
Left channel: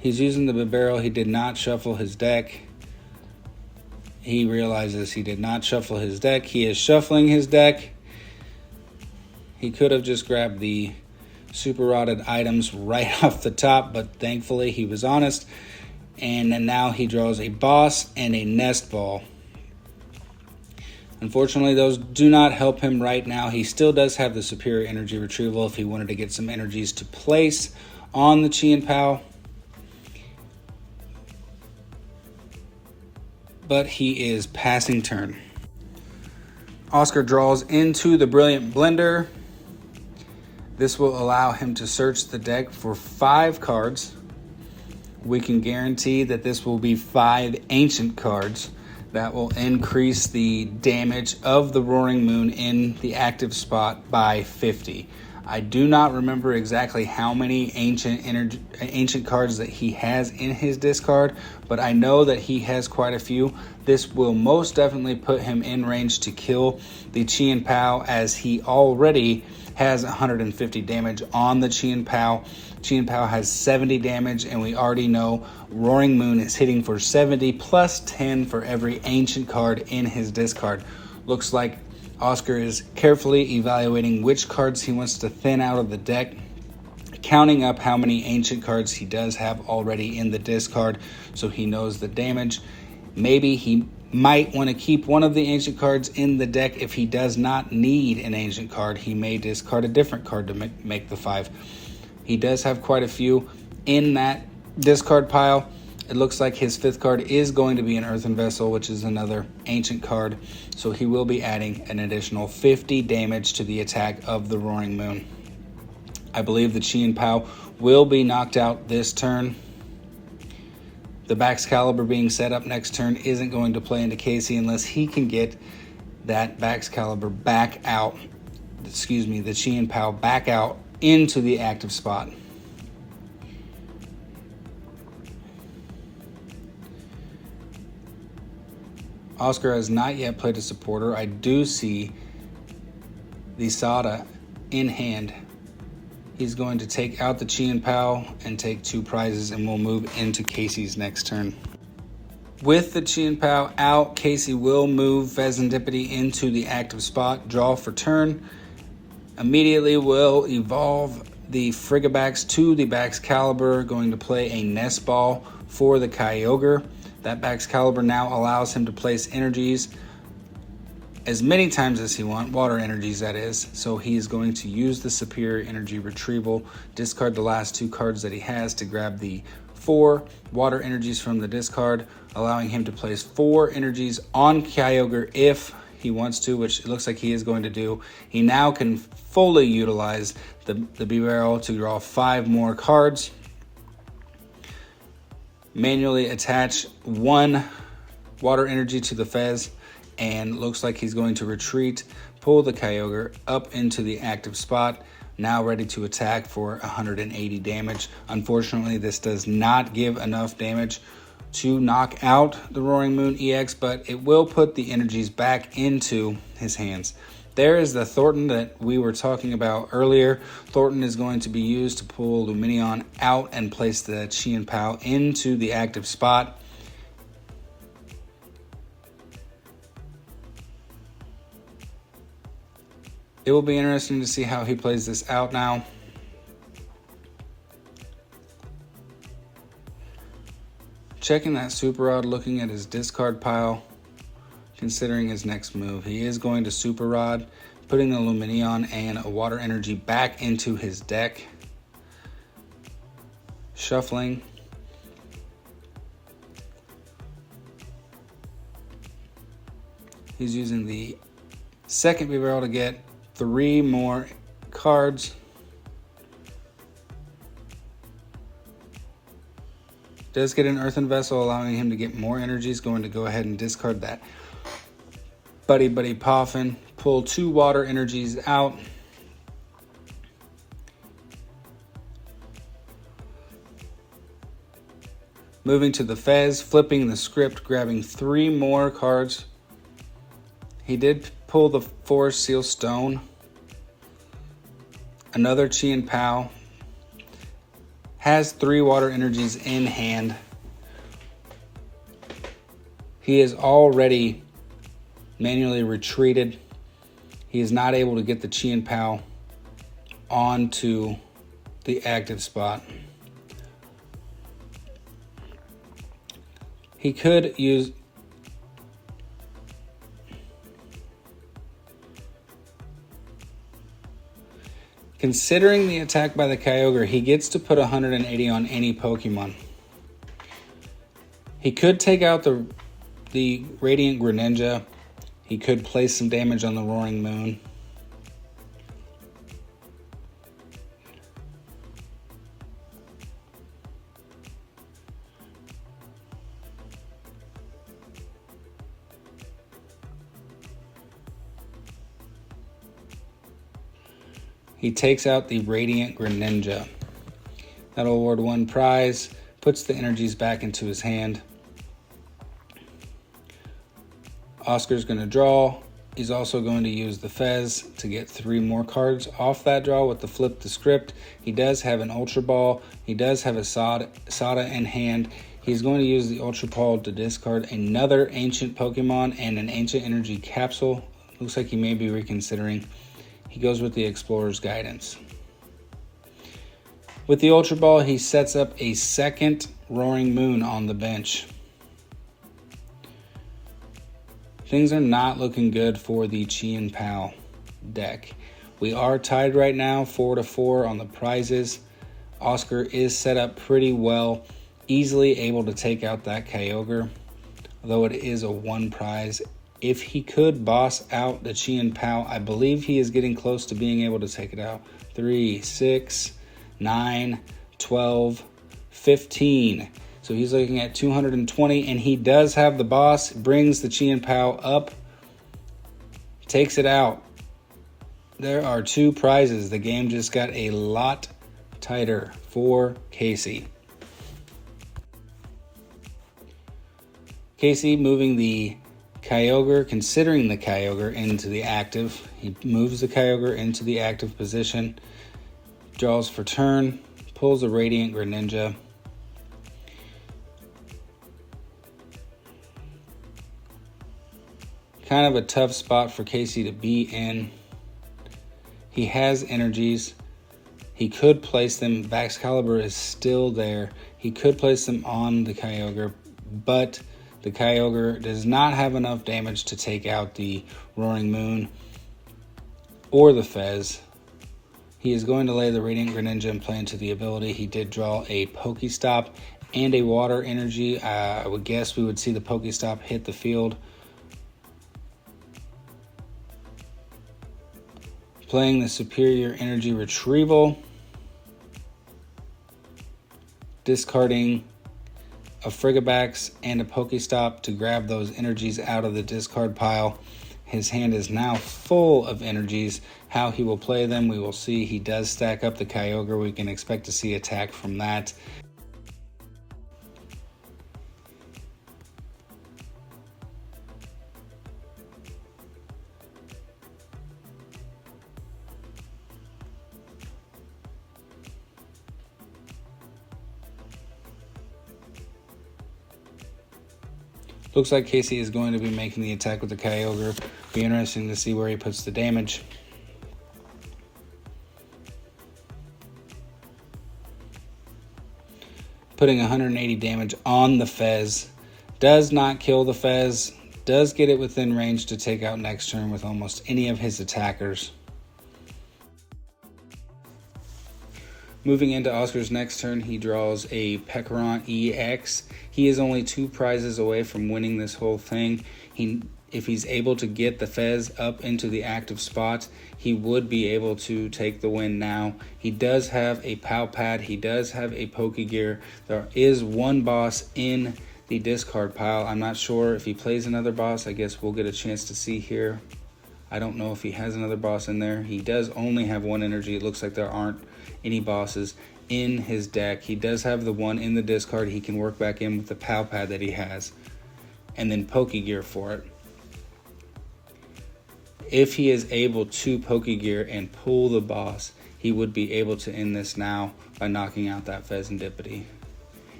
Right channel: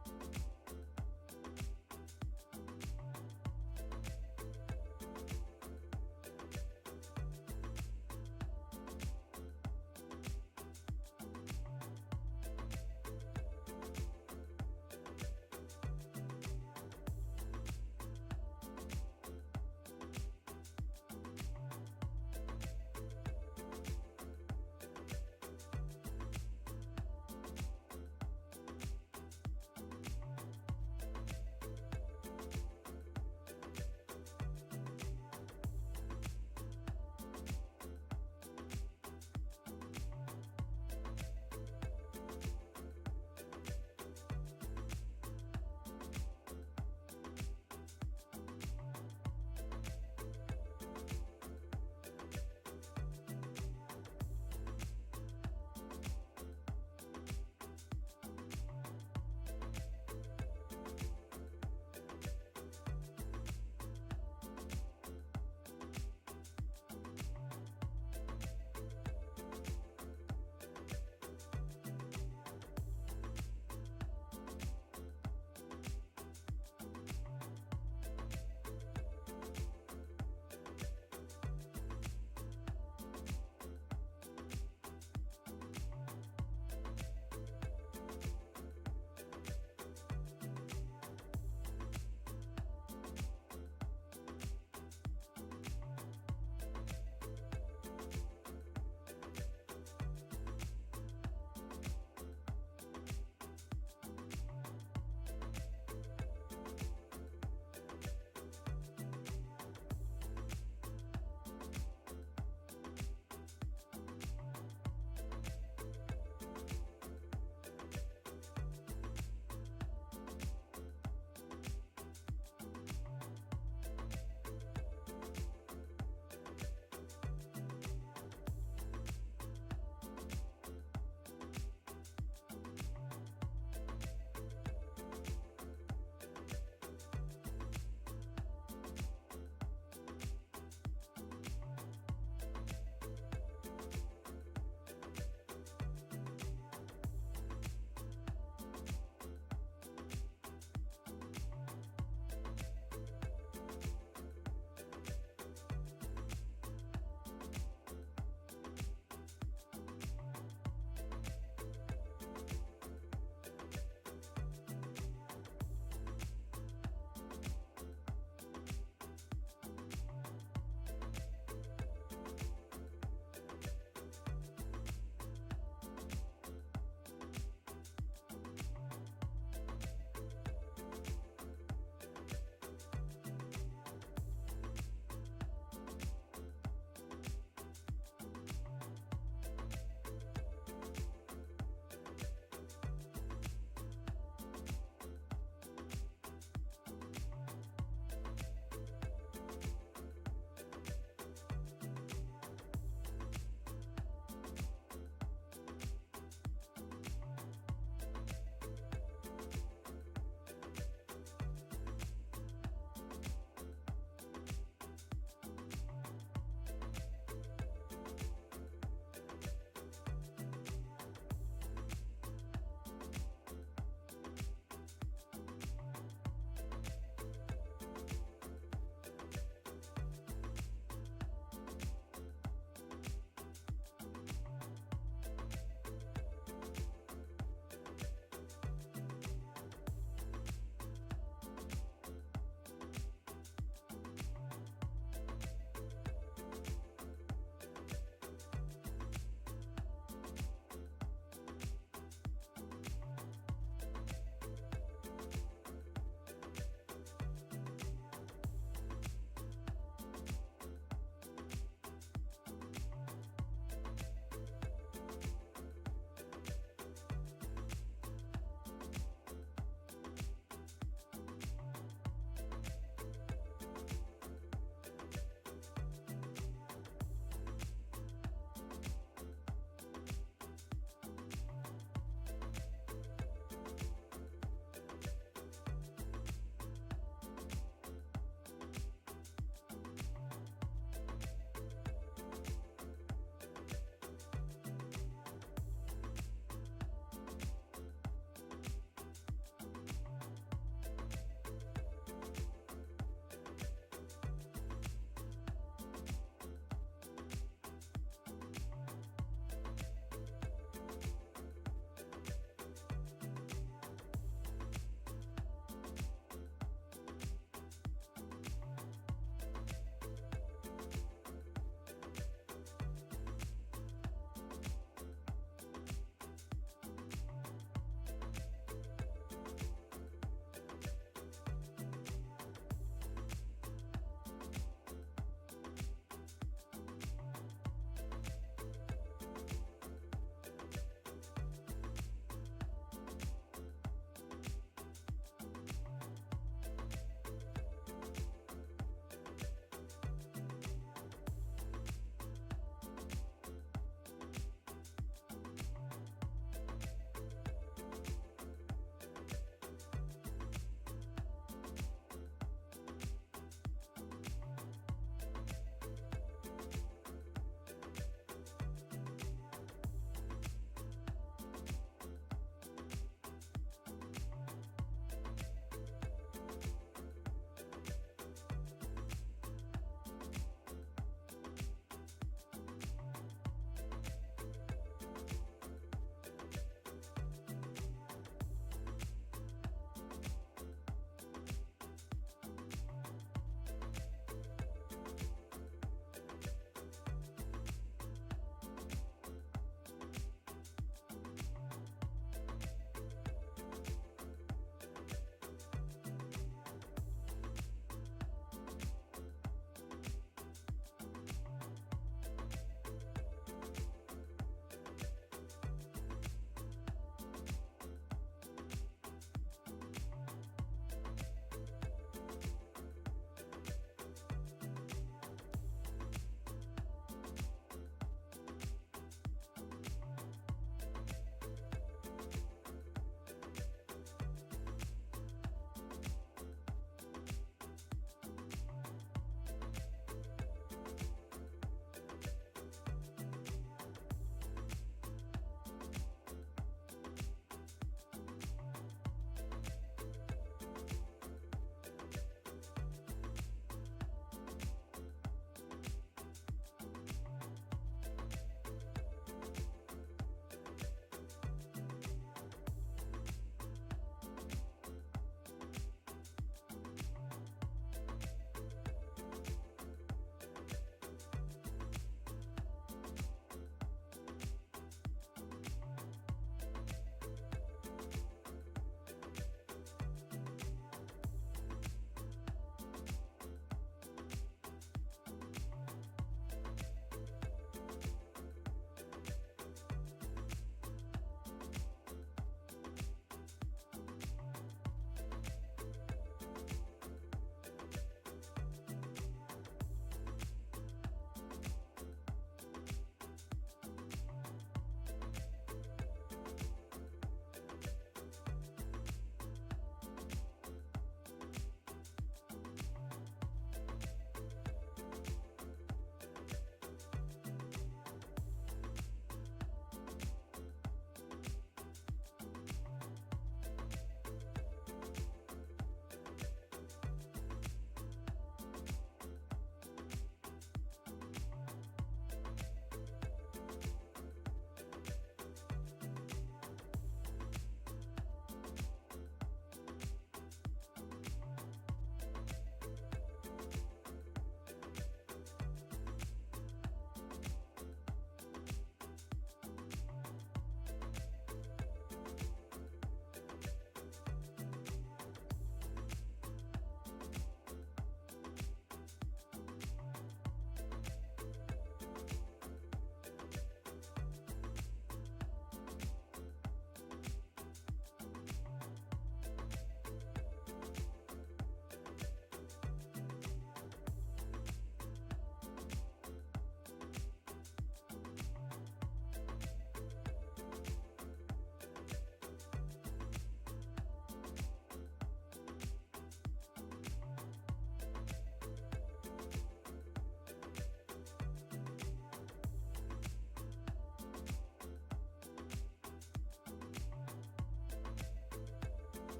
He's using the Bibarel. He did not shuffle his deck. He realizes he did not shuffle his deck. He is shuffling his deck. He could have just grabbed the super rotted items right off the top, but thankfully he was honest. And then now he draws a Boss and a Nest Ball. Unfortunately, those do not help him right now. He still does have the Superior Energy Retrieval if he wanted to get some energies to place on the Chien Pao. But he is passing turn. Oscar draws into the Brilliant Blender. This will allow him to search the deck for 5 cards. We can guarantee that this will be 5 ancient cards that will increase the damage of the Roaring Moon in the active spot by 50. I do not remember exactly how many ancient cards that he has in his discard, but I know that he has quite a few. This will most definitely put him in range to kill the Chien Pao, as he already has 150 damage on the Chien Pao. Chien Pao has 70 damage, and we already know Roaring Moon is hitting for 70 plus 10 for every ancient card in his discard. Looks like Oscar is carefully evaluating which cards he wants to thin out of the deck, counting up how many ancient cards he does have already in the discard so he knows the damage. Maybe he might want to keep one of the ancient cards in the deck. If he does not need an ancient card, he may discard a different card to make the 5. He does have quite a few in that discard pile. It looks like his 5th card is going to be an Earthen Vessel, which is another ancient card. So he will be adding an additional 50 damage to the attack of the Roaring Moon. I believe the Chien Pao will be knocked out this turn. The Baxcalibur being set up next turn isn't going to play into Casey unless he can get that Baxcalibur back out. The Chien Pao back out into the active spot. Oscar has not yet played a supporter. I do see the Sada in hand. He's going to take out the Chien Pao and take 2 prizes, and we'll move into Casey's next turn. With the Chien Pao out, Casey will move Fezandipity into the active spot, draw for turn. Immediately will evolve the Frigibax to the Baxcalibur, going to play a Nest Ball for the Kyogre. That Baxcalibur now allows him to place energies as many times as he wants, water energies that is. So he is going to use the Superior Energy Retrieval, discard the last 2 cards that he has to grab the 4 water energies from the discard, allowing him to place 4 energies on Kyogre if he wants to, which it looks like he is going to do. He now can fully utilize the Bibarel to draw 5 more cards. Manually attach 1 water energy to the Fez, and looks like he's going to retreat, pull the Kyogre up into the active spot, now ready to attack for 180 damage. Unfortunately, this does not give enough damage to knock out the Roaring Moon EX, but it will put the energies back into his hands. There is the Thornton that we were talking about earlier. Thornton is going to be used to pull Lumineon out and place the Chien Pao into the active spot. It will be interesting to see how he plays this out now. Checking that Super Rod, looking at his discard pile, considering his next move. He is going to Super Rod, putting the Lumineon and a Water Energy back into his deck. Shuffling. He's using the second B barrel to get 3 more cards. Does get an Earthen Vessel, allowing him to get more energies. Going to go ahead and discard that Buddy Poffin. Pull 2 water energies out. Moving to the Fez, flipping the script, grabbing 3 more cards. He did pull the Forest Seal Stone. Another Chien Pao. Has 3 water energies in hand. He is already manually retreated. He is not able to get the Chien Pao onto the active spot. He could use considering the attack by the Kyogre, he gets to put 180 on any Pokemon. He could take out the Radiant Greninja. He could place some damage on the Roaring Moon. He takes out the Radiant Greninja. That'll award 1 prize, puts the energies back into his hand. Oscar's going to draw. He's also going to use the Fez to get 3 more cards off that draw with the Flip the Script. He does have an Ultra Ball. He does have a Sada in hand. He's going to use the Ultra Ball to discard another Ancient Pokemon and an Ancient Energy Capsule. Looks like he may be reconsidering. He goes with the Explorer's Guidance. With the Ultra Ball, he sets up a second Roaring Moon on the bench. Things are not looking good for the Chien Pao deck. We are tied right now, 4-4 on the prizes. Oscar is set up pretty well, easily able to take out that Kyogre, although it is a 1 prize. If he could boss out the Chien Pao, I believe he is getting close to being able to take it out. 3, 6, 9, 12, 15. So he's looking at 220, and he does have the boss. Brings the Chien Pao up, takes it out. There are 2 prizes. The game just got a lot tighter for Casey. Casey moving the Kyogre, considering the Kyogre into the active. He moves the Kyogre into the active position, draws for turn, pulls a Radiant Greninja. Kind of a tough spot for Casey to be in. He has energies. He could place them. Excalibur is still there. He could place them on the Kyogre, but the Kyogre does not have enough damage to take out the Roaring Moon or the Fez. He is going to lay the Radiant Greninja and play into the ability. He did draw a Pokestop and a Water Energy. I would guess we would see the Pokestop hit the field. Playing the Superior Energy Retrieval. Discarding a Frigibax and a Pokestop to grab those energies out of the discard pile. His hand is now full of energies. How he will play them, we will see. He does stack up the Kyogre. We can expect to see attack from that. Looks like Casey is going to be making the attack with the Kyogre. Be interesting to see where he puts the damage. Putting 180 damage on the Fez. Does not kill the Fez. Does get it within range to take out next turn with almost any of his attackers. Moving into Oscar's next turn, he draws a Pecaron EX. He is only 2 prizes away from winning this whole thing. If he's able to get the Fez up into the active spot, he would be able to take the win now. He does have a Pao Pad. He does have a Pokegear. There is one boss in the discard pile. I'm not sure if he plays another boss. I guess we'll get a chance to see here. I don't know if he has another boss in there. He does only have 1 energy. It looks like there aren't any bosses in his deck. He does have the 1 in the discard. He can work back in with the Pao Pad that he has, and then Pokegear for it. If he is able to Pokegear and pull the boss, he would be able to end this now by knocking out that Fezandipity.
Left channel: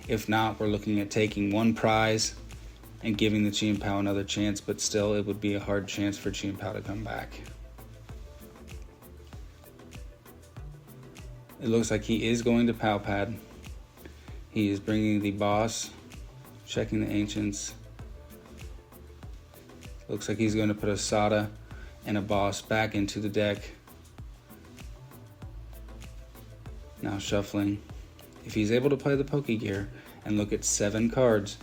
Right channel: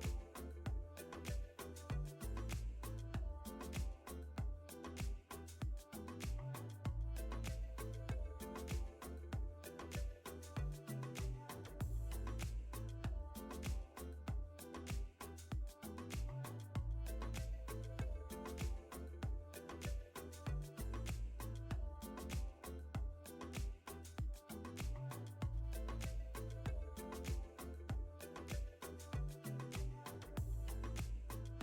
If not, we're looking at taking 1 prize and giving the Chien Pao another chance, but still it would be a hard chance for Chien Pao to come back. It looks like he is going to Pao Pad. He is bringing the boss, checking the ancients. Looks like he's going to put a Sada and a boss back into the deck. Now shuffling. If he's able to play the Pokegear and look at 7 cards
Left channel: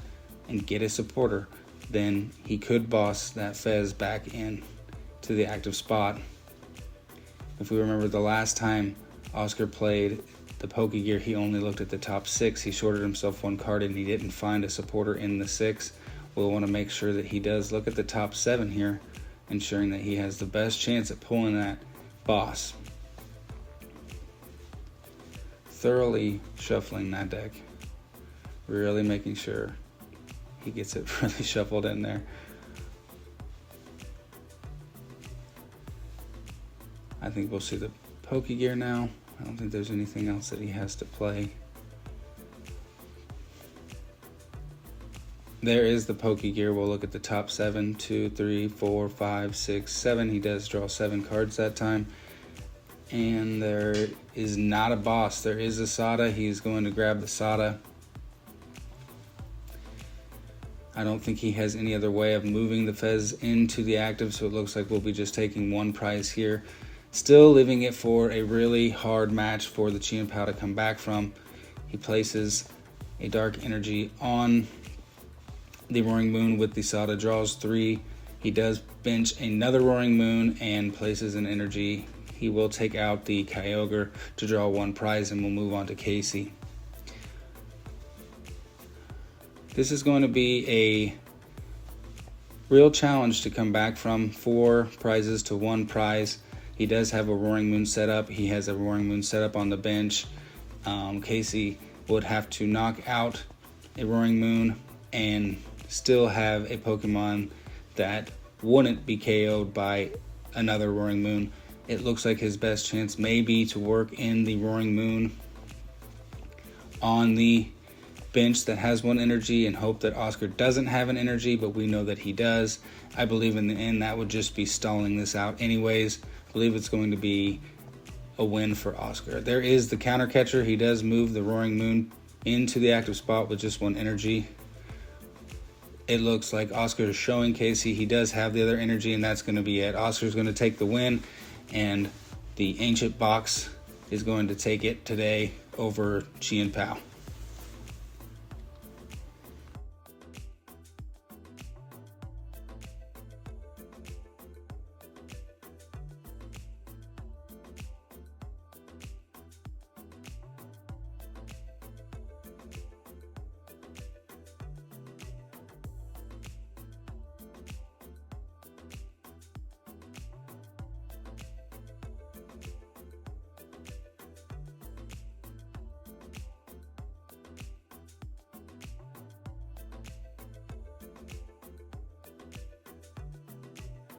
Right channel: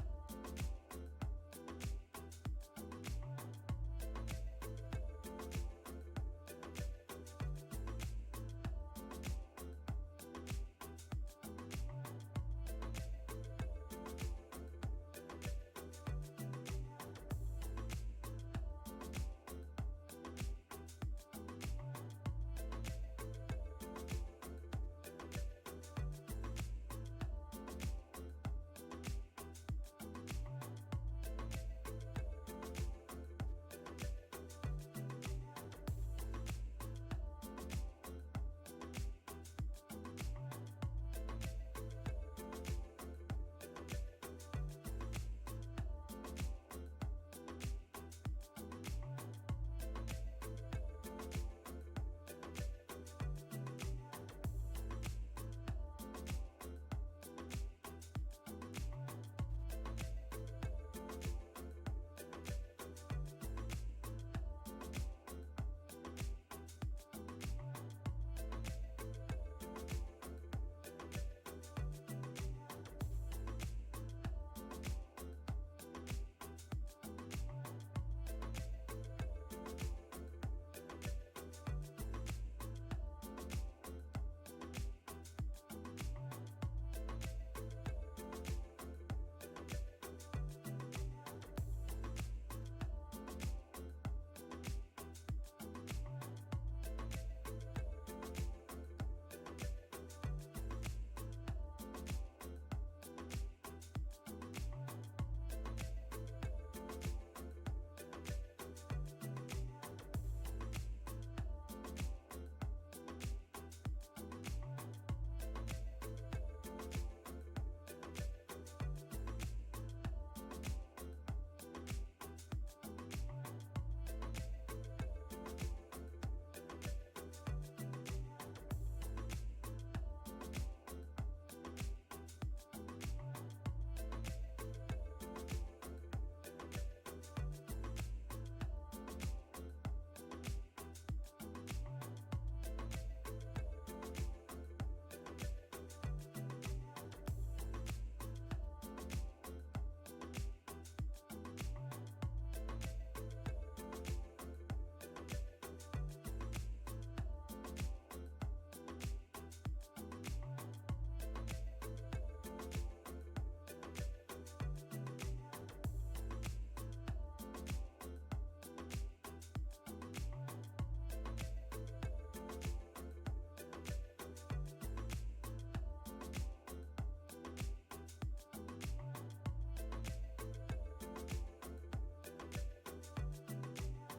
and get a supporter, then he could boss that Fez back in to the active spot. If we remember the last time Oscar played the Pokegear, he only looked at the top 6. He shorted himself 1 card and he didn't find a supporter in the 6. We'll want to make sure that he does look at the top 7 here, ensuring that he has the best chance at pulling that boss. Thoroughly shuffling that deck. Really making sure he gets it really shuffled in there. I think we'll see the Pokegear now. I don't think there's anything else that he has to play. There is the Pokegear. We'll look at the top 7. 2, 3, 4, 5, 6, 7. He does draw 7 cards that time. And there is not a boss. There is a Sada. He's going to grab the Sada. I don't think he has any other way of moving the Fez into the active, so it looks like we'll be just taking 1 prize here. Still leaving it for a really hard match for the Chien Pao to come back from. He places a Dark Energy on the Roaring Moon with the Sada, draws 3. He does bench another Roaring Moon and places an energy. He will take out the Kyogre to draw 1 prize, and we'll move on to Casey. This is going to be a real challenge to come back from. 4 prizes to 1 prize. He does have a Roaring Moon set up. He has a Roaring Moon set up on the bench. Casey would have to knock out a Roaring Moon and still have a Pokemon that wouldn't be KO'd by another Roaring Moon. It looks like his best chance may be to work in the Roaring Moon on the bench that has 1 energy and hope that Oscar doesn't have an energy, but we know that he does. I believe in the end that would just be stalling this out anyways. I believe it's going to be a win for Oscar. There is the counter catcher. He does move the Roaring Moon into the active spot with just 1 energy. It looks like Oscar is showing Casey he does have the other energy, and that's going to be it. Oscar's going to take the win, and the Ancient Box is going to take it today over Chien Pao.